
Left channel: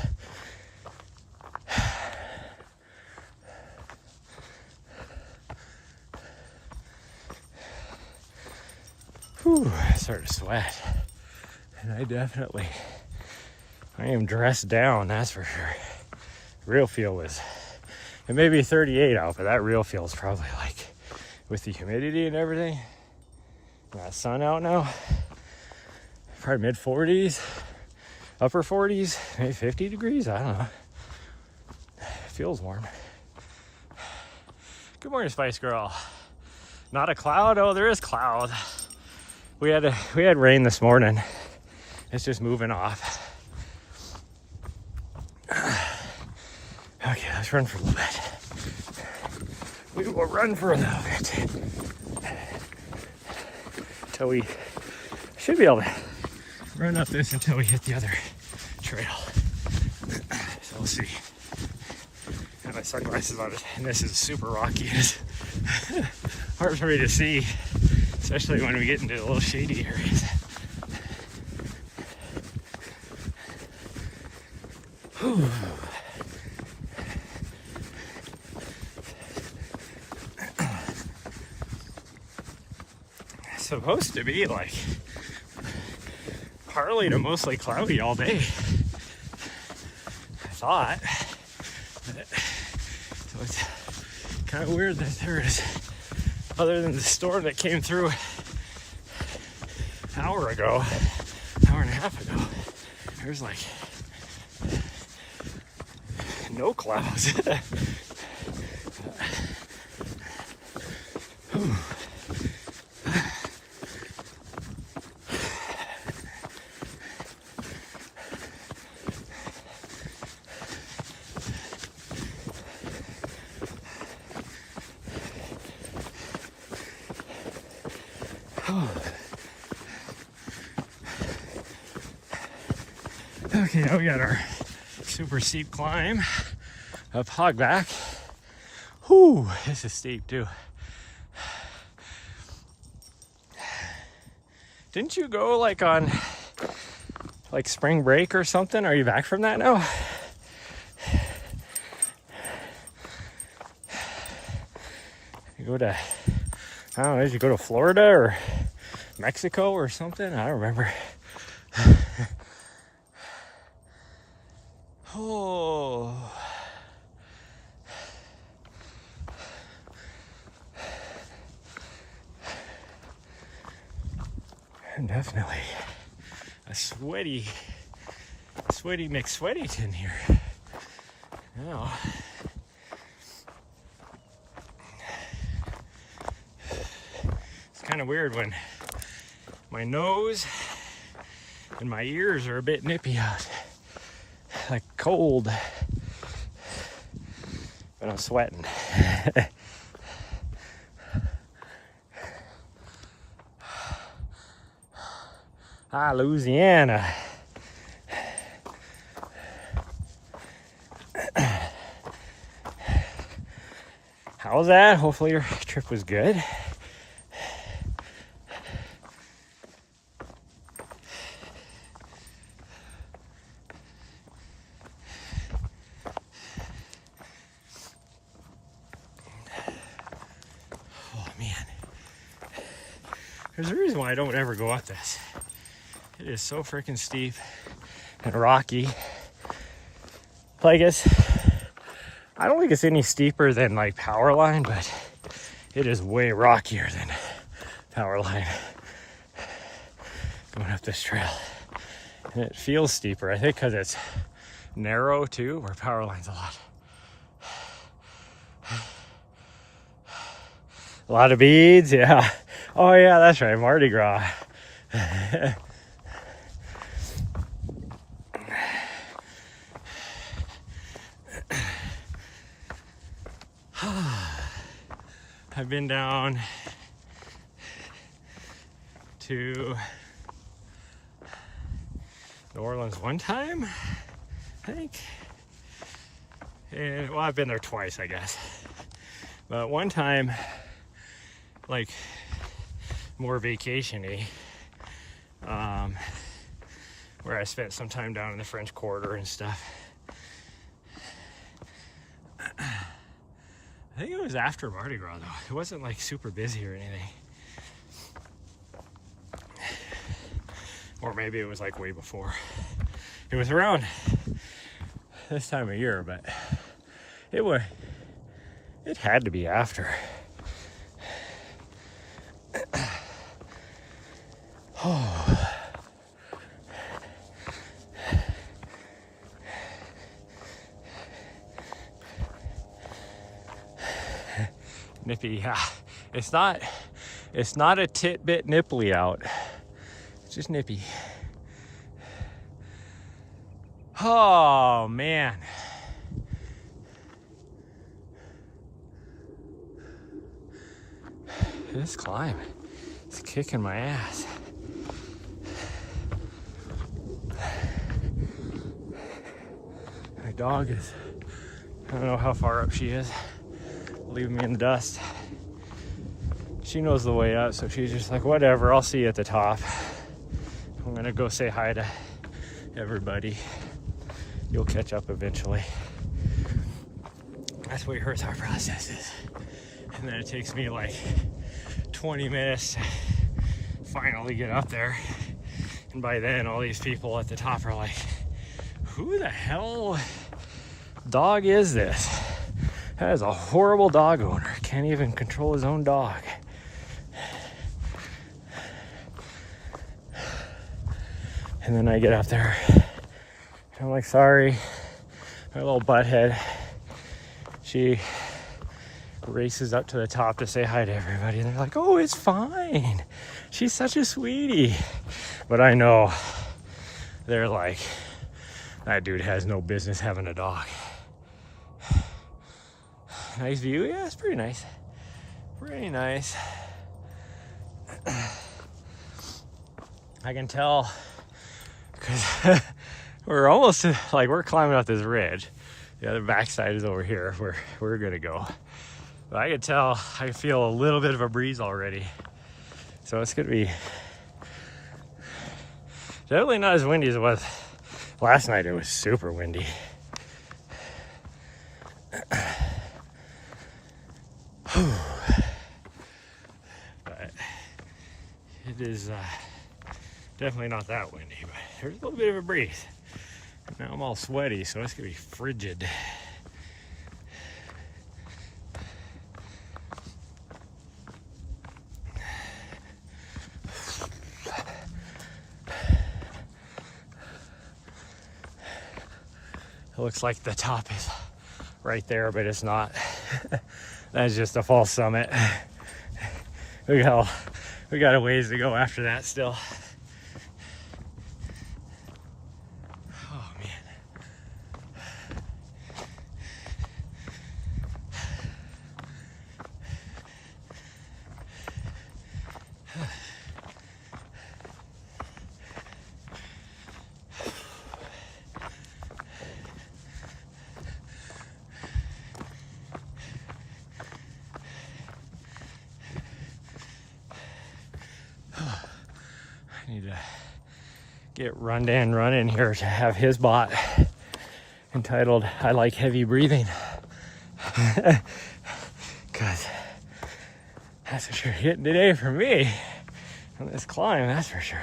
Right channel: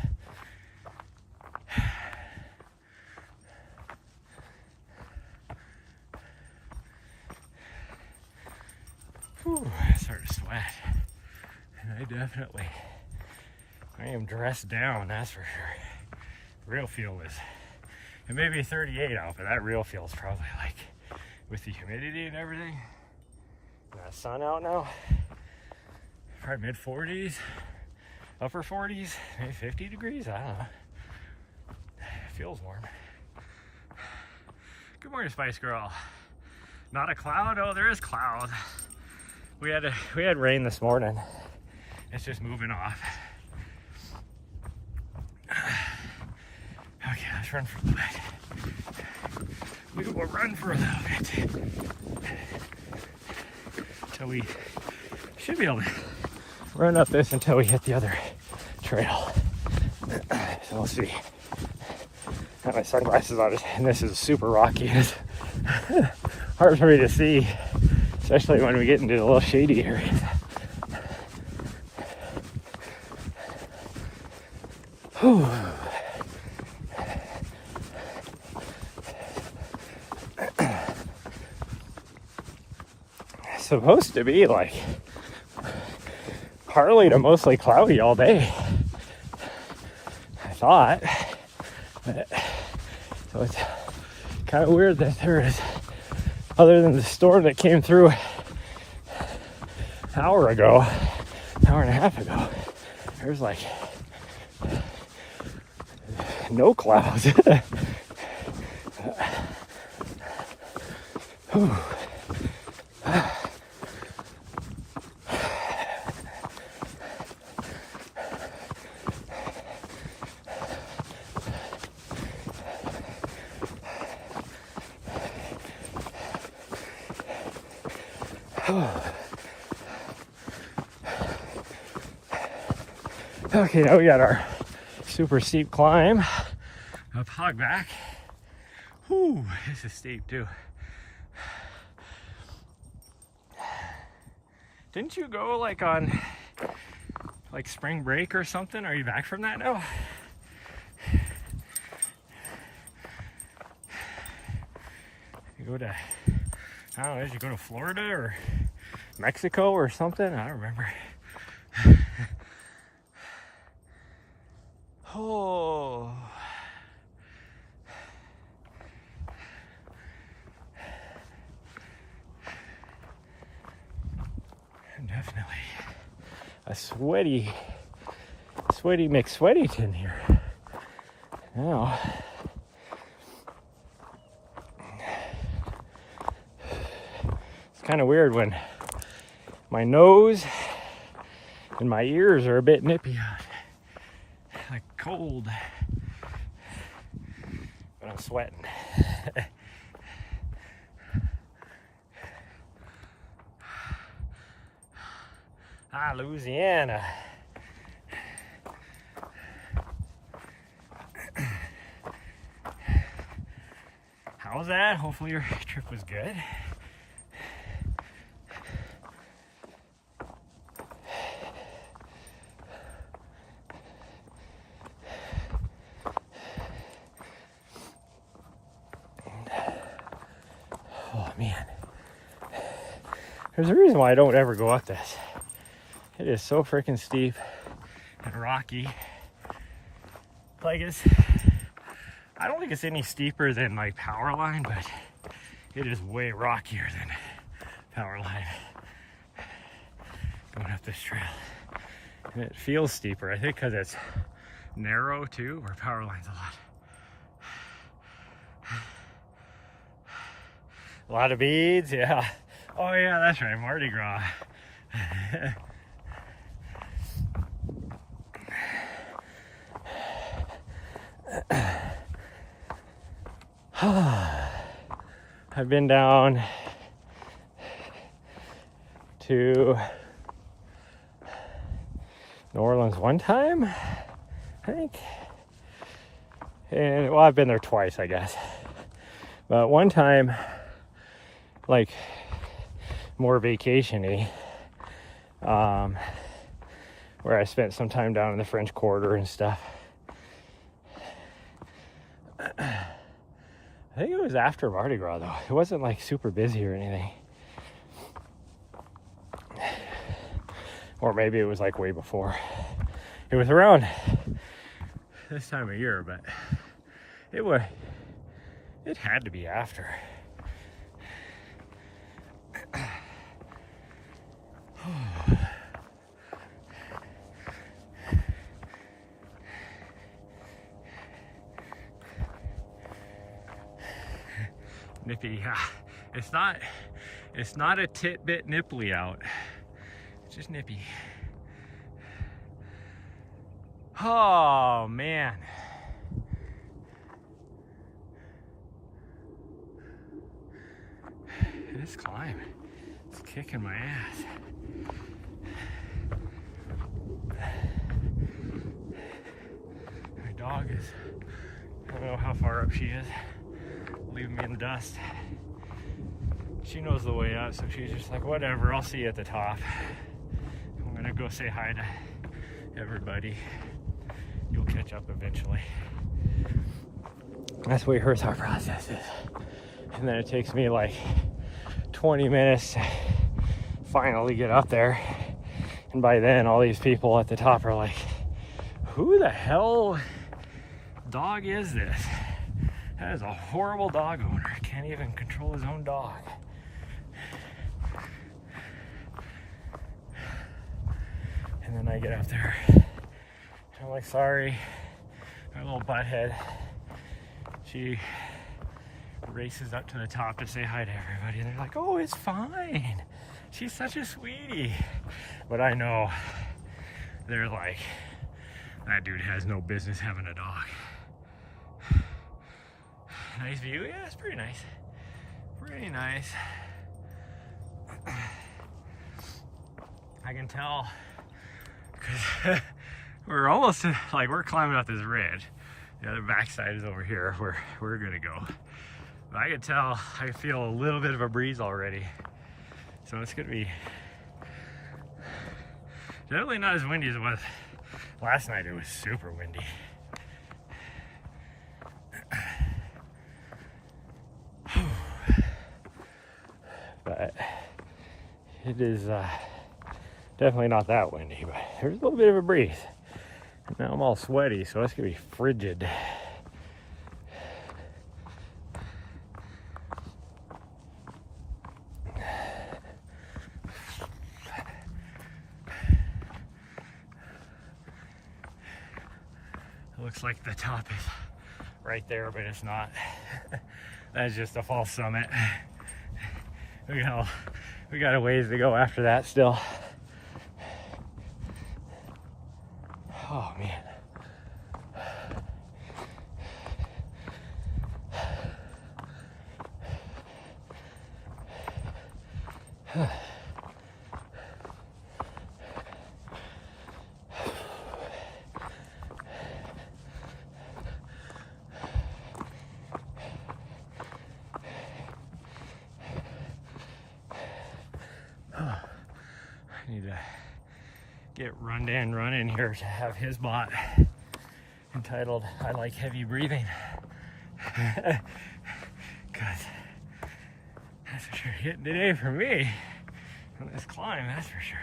Whew, I started to sweat. And I am dressed down, that's for sure. Real feel is, it may be 38 out, but that real feel is probably like, with the humidity and everything, that sun out now, probably mid 40s, upper 40s, maybe 50 degrees, I don't know. Feels warm. Good morning, Spice Girl. Not a cloud? Oh, there is cloud. We had rain this morning. It's just moving off. Okay, let's run for a little bit. We will run for a little bit. Until we should be able to run up this until we hit the other trail. So we'll see. I have my sunglasses on, and this is super rocky. It's hard for me to see, especially when we get into the little shady areas. Whew. It's supposed to be like partly to mostly cloudy all day, I thought. So it's kind of weird that there is, other than the storm that came through an hour and a half ago, there's like no clouds. Okay, now we got our super steep climb up Hogback. Whew. Whew, this is steep too. Didn't you go like on like spring break or something? Are you back from that now? You go to, I don't know, did you go to Florida or Mexico or something? I don't remember. Oh. Definitely a sweaty McSweatyton here. Oh. It's kind of weird when my nose and my ears are a bit nippy out, like cold, but I'm sweating. Louisiana. How was that? Hopefully your trip was good. Oh man. There's a reason why I don't ever go up this. It is so freaking steep and rocky. Like I don't think it's any steeper than like Powerline, but it is way rockier than Powerline going up this trail. And it feels steeper, I think because it's narrow too, where Powerline's a lot of beads, yeah. Oh yeah, that's right, Mardi Gras. I've been down to New Orleans one time, I think. And well, I've been there twice, I guess. But one time, like more vacation-y, where I spent some time down in the French Quarter and stuff. I think it was after Mardi Gras though. It wasn't like super busy or anything. Or maybe it was like way before. It was around this time of year, but it had to be after. Oh. Nippy, yeah. It's not a tit-bit nipply out. It's just nippy. Oh man. This climb is kicking my ass. My dog is, I don't know how far up she is, leaving me in the dust. She knows the way up, so she's just like, whatever, I'll see you at the top. I'm gonna go say hi to everybody. You'll catch up eventually. That's the way her thought process is. And then it takes me like 20 minutes to finally get up there. And by then, all these people at the top are like, who the hell dog is this? That is a horrible dog owner. Can't even control his own dog. And then I get up there. I'm like, sorry, my little butthead. She races up to the top to say hi to everybody. And they're like, oh, it's fine. She's such a sweetie. But I know they're like, that dude has no business having a dog. Nice view? Yeah, it's pretty nice. Pretty nice. I can tell because we're almost like we're climbing up this ridge. The other backside is over here where we're gonna go. But I could tell, I feel a little bit of a breeze already. So it's gonna be definitely not as windy as it was last night. It was super windy. But it is definitely not that windy, but there's a little bit of a breeze. Now I'm all sweaty, so it's gonna be frigid. It looks like the top is right there, but it's not. That's just a false summit. We got a ways to go after that still. Oh man. I need to get Rundan running here to have his bot entitled "I Like Heavy Breathing," because that's for sure hitting today for me on this climb, that's for sure.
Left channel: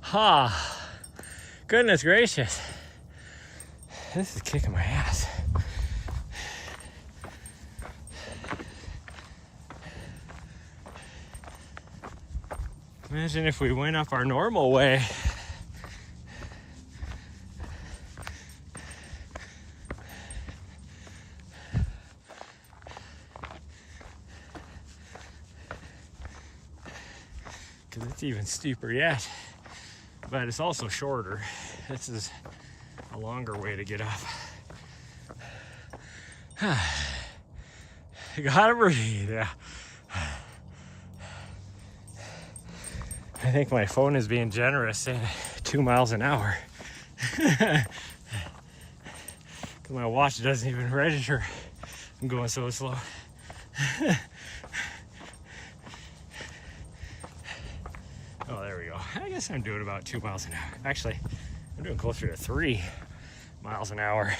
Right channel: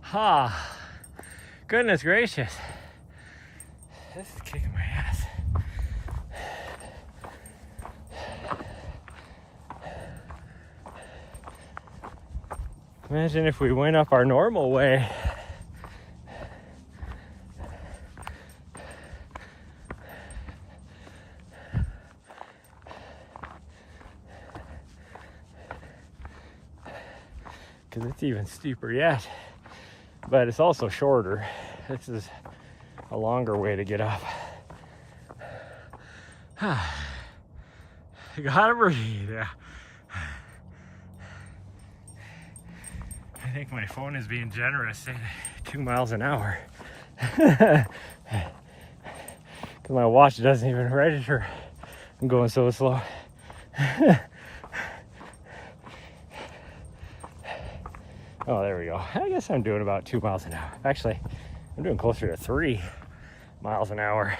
Ha! Goodness gracious. This is kicking my ass. Imagine if we went up our normal way. Because it's even steeper yet. But it's also shorter. This is a longer way to get up. You gotta breathe, yeah. I think my phone is being generous, saying 2 miles an hour. Because my watch doesn't even register. I'm going so slow. Oh, there we go. I guess I'm doing about 2 miles an hour. Actually, I'm doing closer to 3 miles an hour.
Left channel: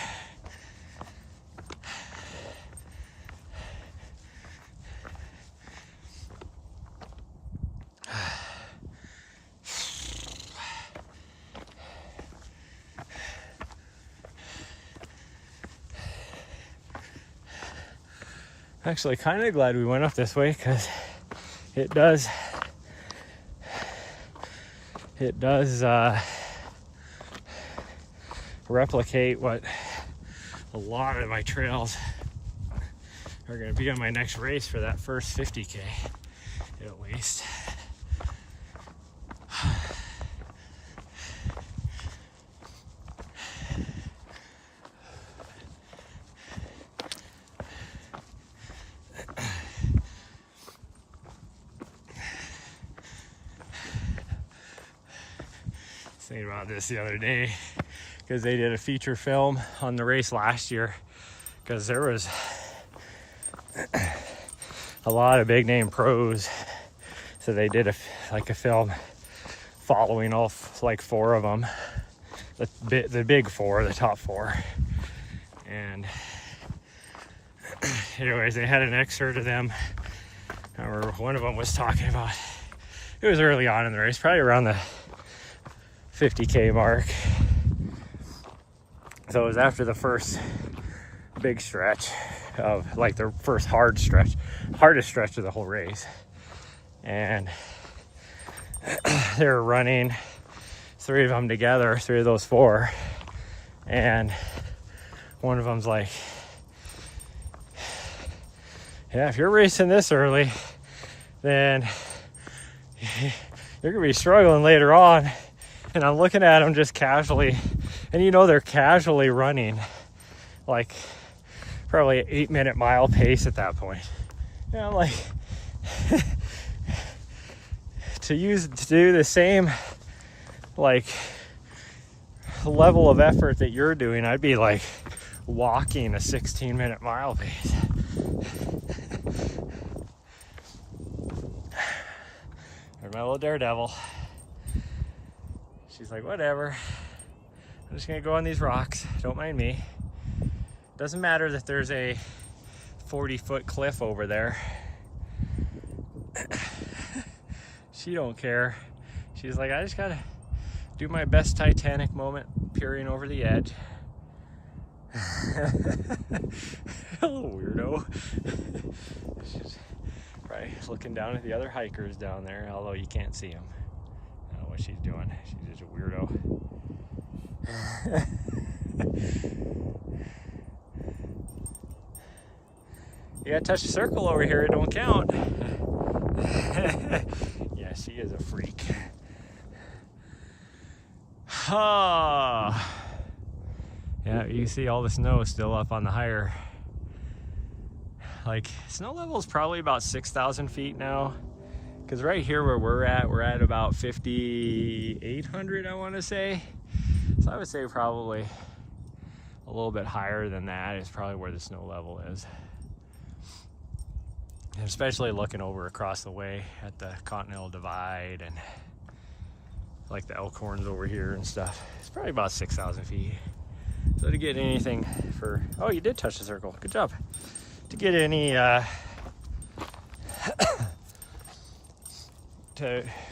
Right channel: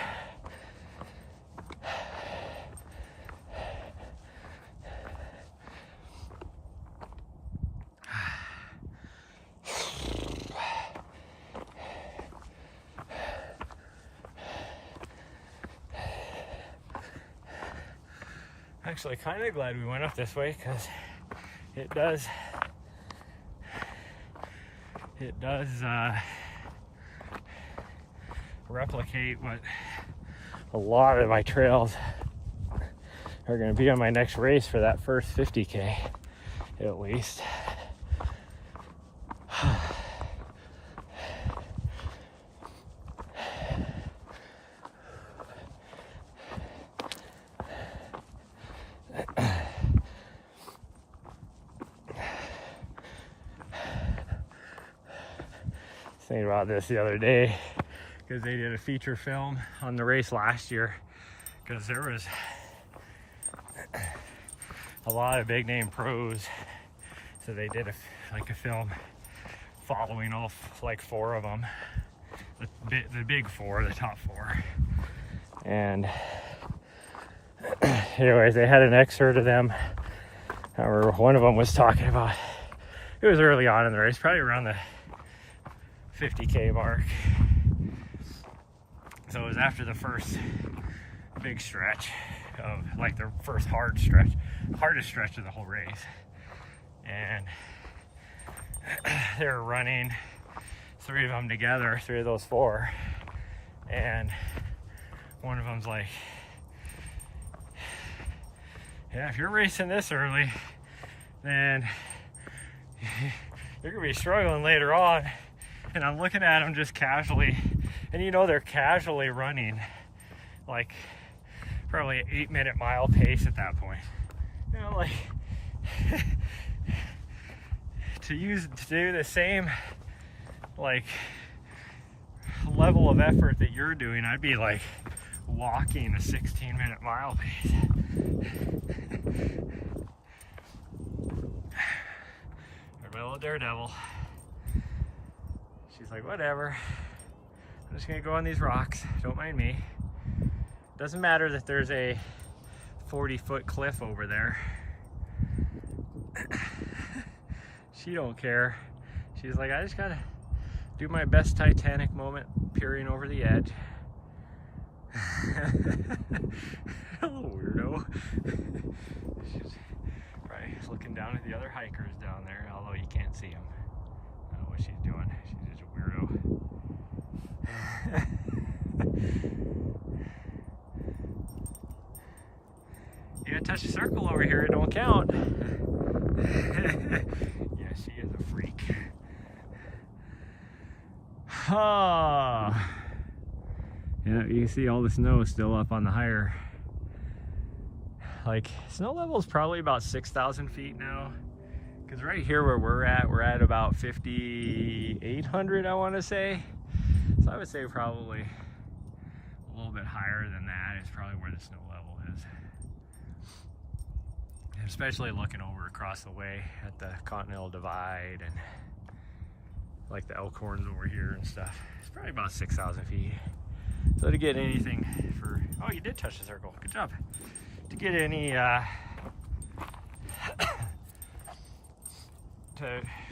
Actually, kind of glad we went up this way because it does replicate what a lot of my trails are going to be on my next race for that first 50K, at least. Thinking about this the other day because they did a feature film on the race last year because there was a lot of big name pros, so they did a film following all like 4 of them, the big 4, the top 4. And anyways, they had an excerpt of them. I remember one of them was talking about, it was early on in the race, probably around the 50K mark. So it was after the first big stretch of like the first hardest stretch of the whole race. And they were running 3 of them together, 3 of those 4. And one of them's like, yeah, if you're racing this early, then you're gonna be struggling later on. And I'm looking at them just casually, and you know they're casually running like probably an 8-minute mile pace at that point. And I'm like, to do the same like level of effort that you're doing, I'd be like walking a 16-minute mile pace. Or my little daredevil. She's like, whatever. I'm just gonna go on these rocks. Don't mind me. Doesn't matter that there's a 40-foot cliff over there. She don't care. She's like, I just gotta do my best Titanic moment peering over the edge. Hello, weirdo. She's probably looking down at the other hikers down there, although you can't see them. I don't know what she's doing. She's just a weirdo. You gotta touch the circle over here, it don't count. Yeah, she is a freak. Ah. Yeah, you can see all the snow still up on the higher. Like, snow level is probably about 6,000 feet now. Because right here where we're at about 5,800, I want to say. So I would say probably a little bit higher than that is probably where the snow level is. And especially looking over across the way at the Continental Divide and like the Elkhorns over here and stuff. It's probably about 6,000 feet. So to get anything for, oh, you did touch the circle. Good job. To get any, to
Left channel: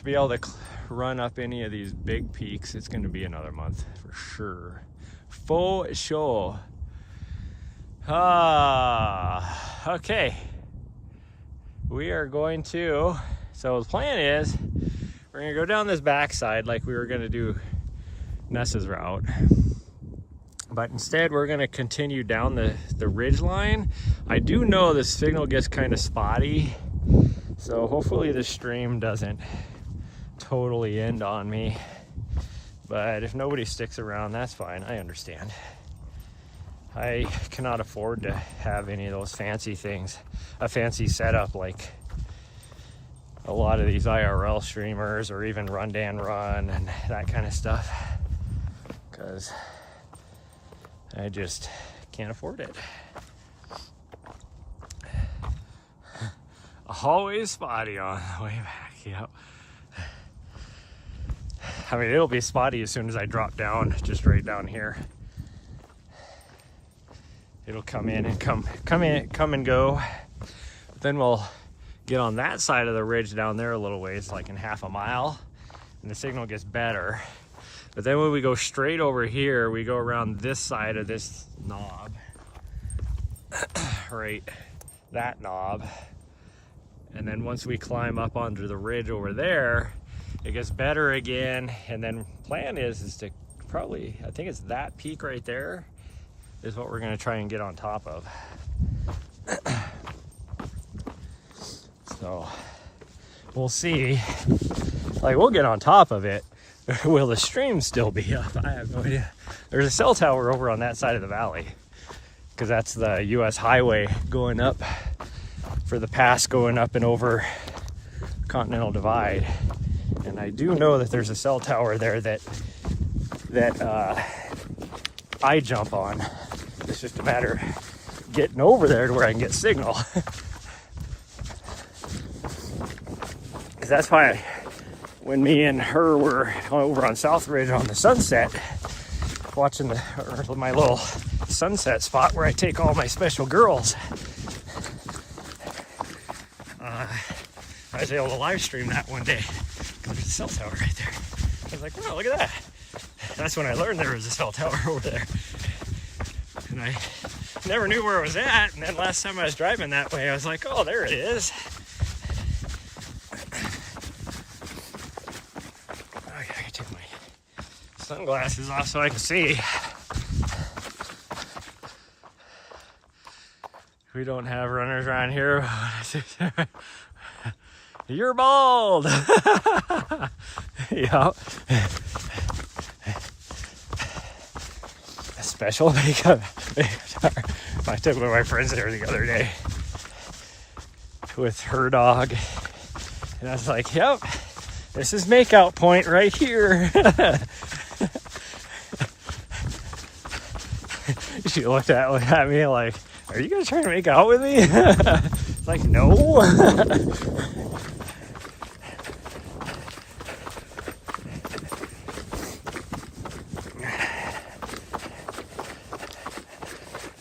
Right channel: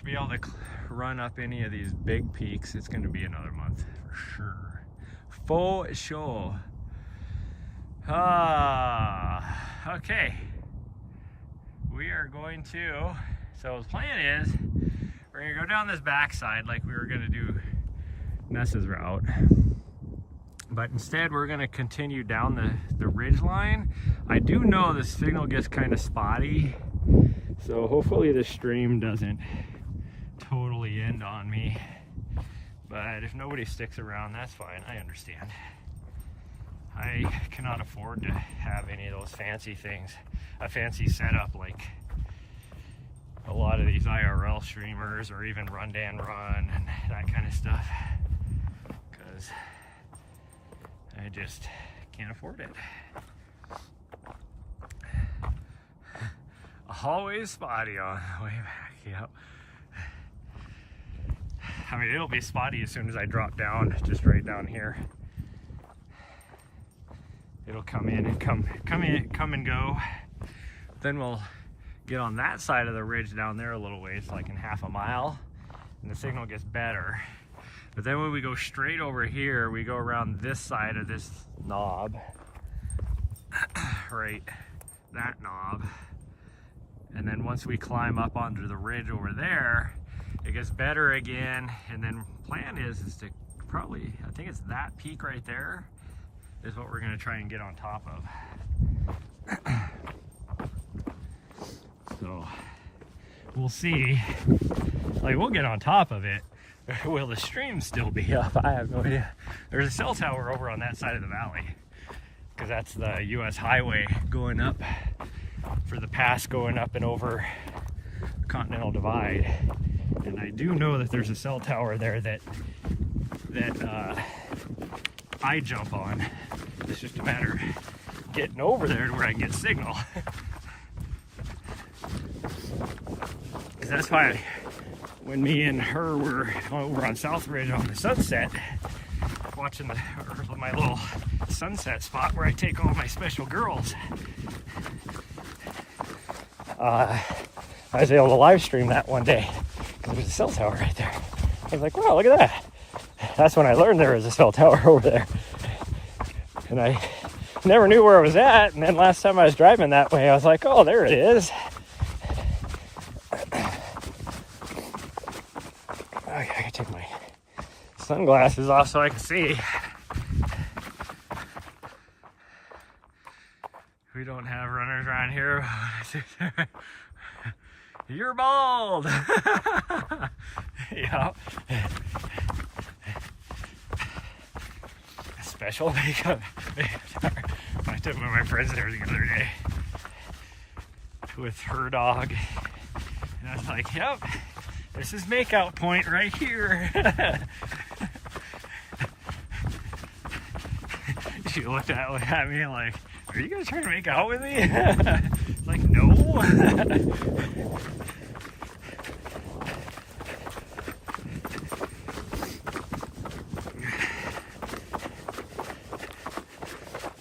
be able to run up any of these big peaks, it's going to be another month for sure. For sure. Okay. We are going to, so the plan is, we're going to go down this backside like we were going to do Nessa's route. But instead, we're going to continue down the ridge line. I do know the signal gets kind of spotty, so hopefully the stream doesn't totally end on me. But if nobody sticks around, that's fine. I understand. I cannot afford to have any of those fancy things, a fancy setup like a lot of these IRL streamers or even Run Dan Run and that kind of stuff, because I just can't afford it. Always spotty on the way back, yep. I mean, it'll be spotty as soon as I drop down, just right down here. It'll come in and come and go. Then we'll get on that side of the ridge down there a little ways, like in half a mile, and the signal gets better. But then when we go straight over here, we go around this side of this knob, right, that knob. And then once we climb up onto the ridge over there, it gets better again. And then plan is to probably, I think it's that peak right there is what we're gonna try and get on top of. So we'll see. Like, we'll get on top of it. Will the stream still be up? I have no idea. There's a cell tower over on that side of the valley, because that's the US highway going up for the pass going up and over Continental Divide. And I do know that there's a cell tower there that I jump on. It's just a matter of getting over there to where I can get signal. Because that's why when me and her were over on South Ridge on the sunset, watching my little sunset spot where I take all my special girls, I was able to live stream that one day. There's a cell tower right there. I was like, wow, look at that. That's when I learned there was a cell tower over there. And I never knew where it was at. And then last time I was driving that way, I was like, oh, there it is. Okay, I take my sunglasses off so I can see. We don't have runners around here. You're bald. Yeah. Special makeup. I took one of my friends there the other day with her dog, and I was like, yep, This is makeout point right here. She looked at me like, are you guys trying to make out with me? Like, no.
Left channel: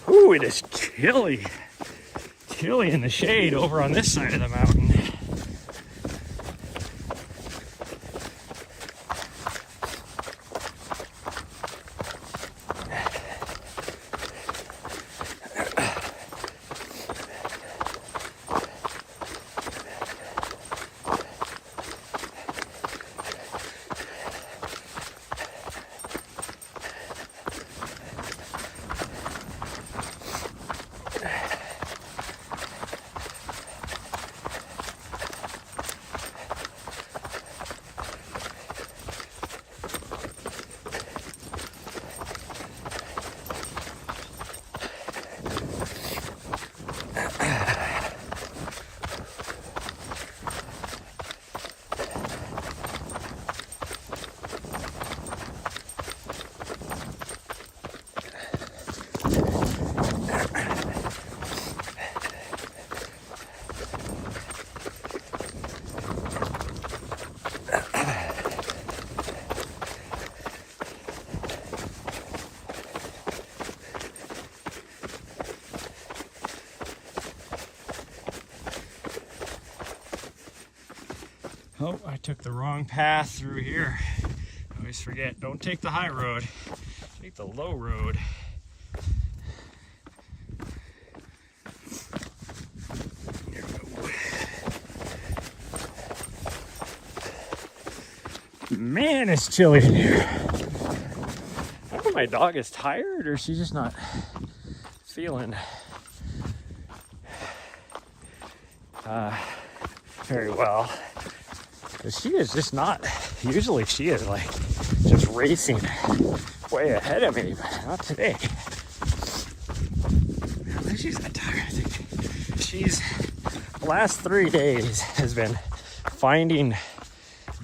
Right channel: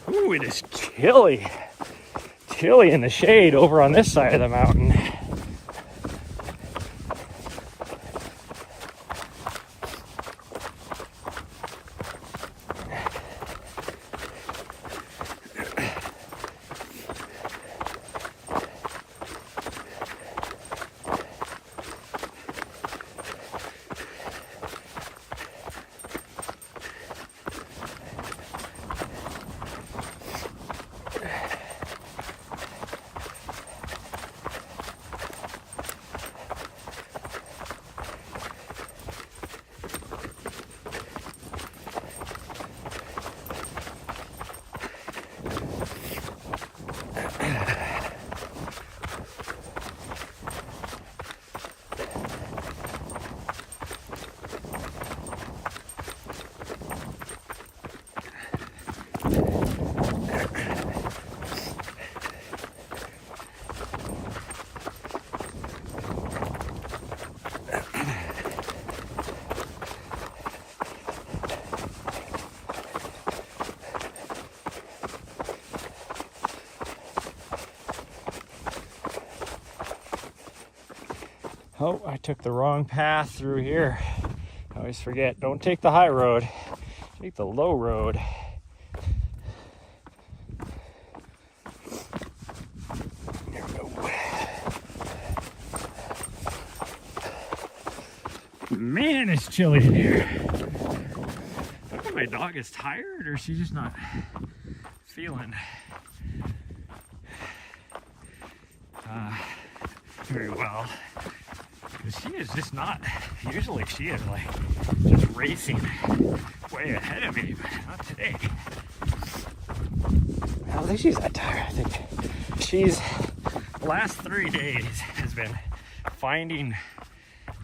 Ooh, it is chilly. Chilly in the shade over on this side of the mountain. Oh, I took the wrong path through here. I always forget, don't take the high road, take the low road. Man, it's chilly in here. I wonder if my dog is tired or she's just not feeling very well. Because she is just not, usually she is like just racing way ahead of me, but not today. I don't think she's that tired. I think she's, the last 3 days has been finding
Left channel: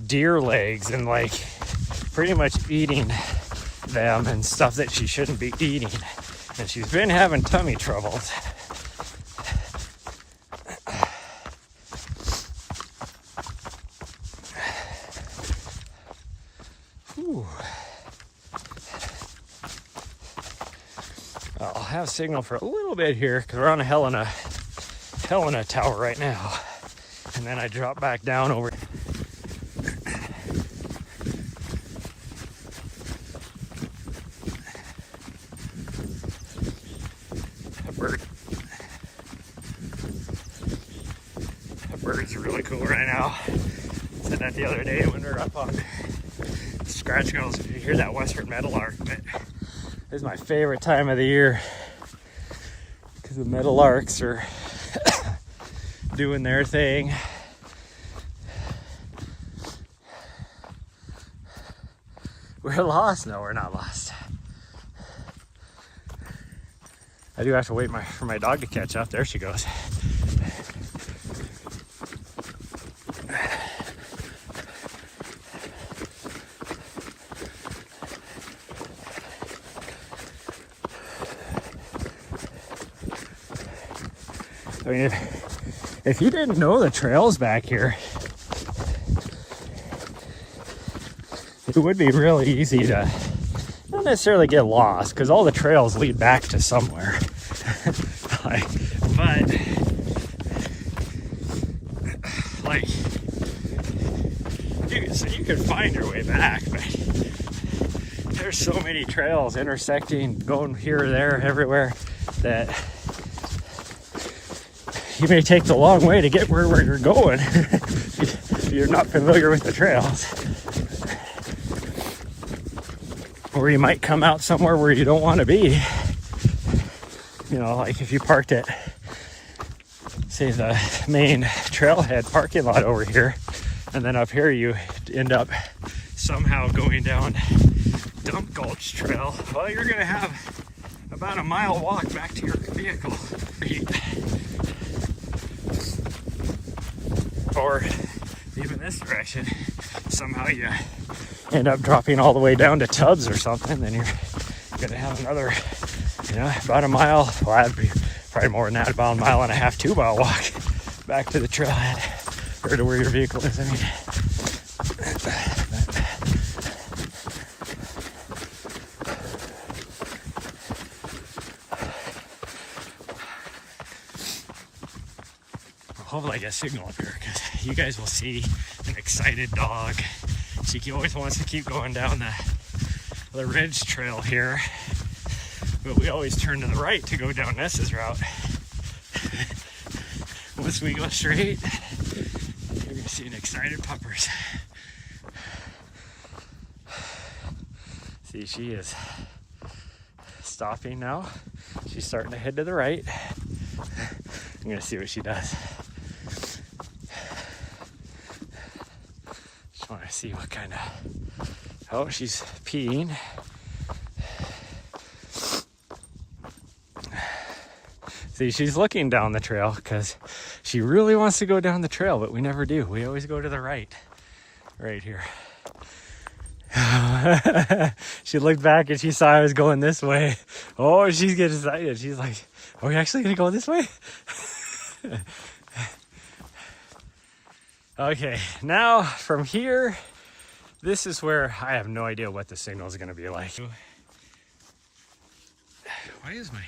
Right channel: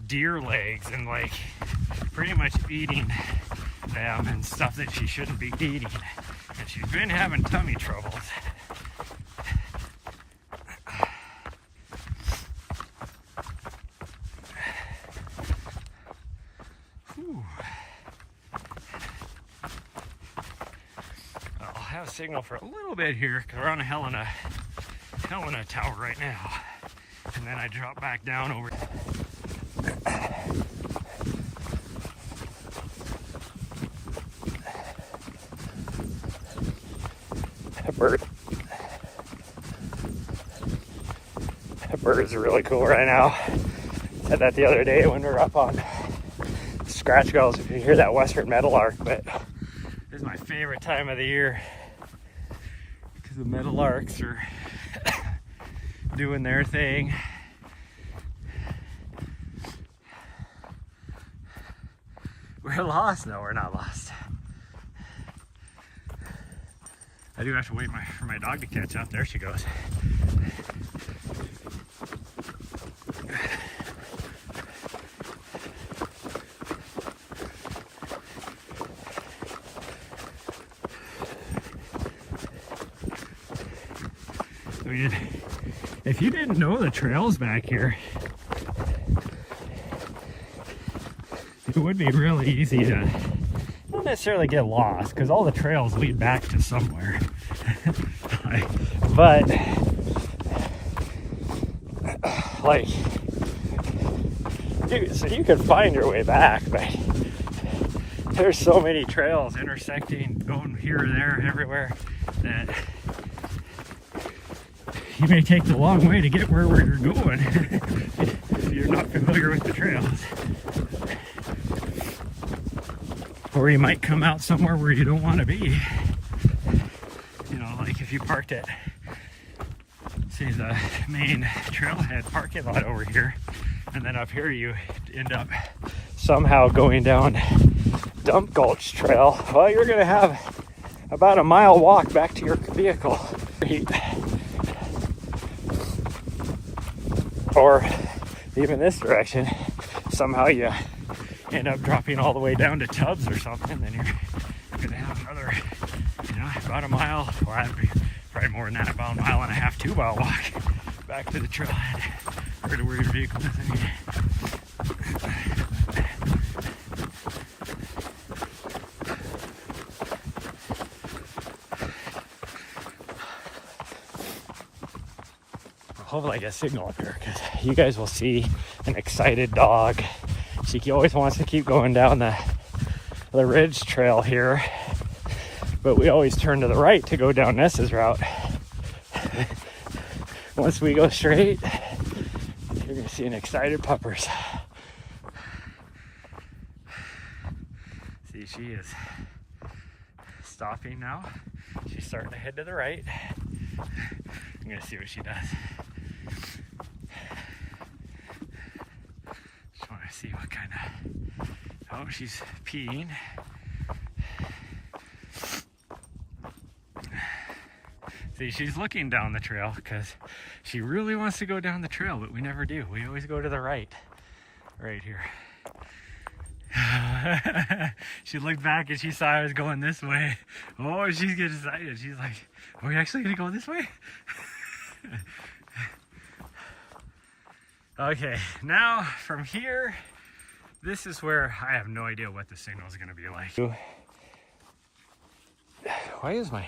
deer legs and like pretty much eating them and stuff that she shouldn't be eating. And she's been having tummy troubles. Whew. I'll have signal for a little bit here because we're on a Helena tower right now. And then I drop back down over. That birds are really cool right now. I said that the other day when we were up on Scratch Gulls. You can hear that western meadowlark, but this is my favorite time of the year because the meadowlarks are doing their thing. We're lost? No, we're not lost. I do have to wait for my dog to catch up. There she goes. I mean, if you didn't know the trails back here, it would be really easy to not necessarily get lost because all the trails lead back to somewhere. But like you can find your way back, but there's so many trails intersecting, going here or there, everywhere, that you may take the long way to get where you're going if you're not familiar with the trails. Or you might come out somewhere where you don't want to be. You know, like if you parked at, say, the main trailhead parking lot over here, and then up here you end up somehow going down Dump Gulch Trail. Well, you're going to have about a mile walk back to your vehicle. Or even this direction, somehow you end up dropping all the way down to Tubbs or something, then you're gonna have another, you know, about a mile. Well, that'd be probably more than that, about a mile and a half, 2 mile walk back to the trailhead or to where your vehicle is. I mean, hopefully I get signal up here because you guys will see an excited dog. She always wants to keep going down the ridge trail here, but we always turn to the right to go down Ness's route. Once we go straight, you're gonna see an excited puppers. See, she is stopping now. She's starting to head to the right. I'm gonna see what she does. Just want to see what kind of... Oh, she's peeing. See, she's looking down the trail because she really wants to go down the trail, but we never do. We always go to the right here. She looked back and she saw I was going this way. Oh, she's getting excited. She's like, are we actually gonna go this way? Okay, now from here, this is where I have no idea what the signal is gonna be like. Why is my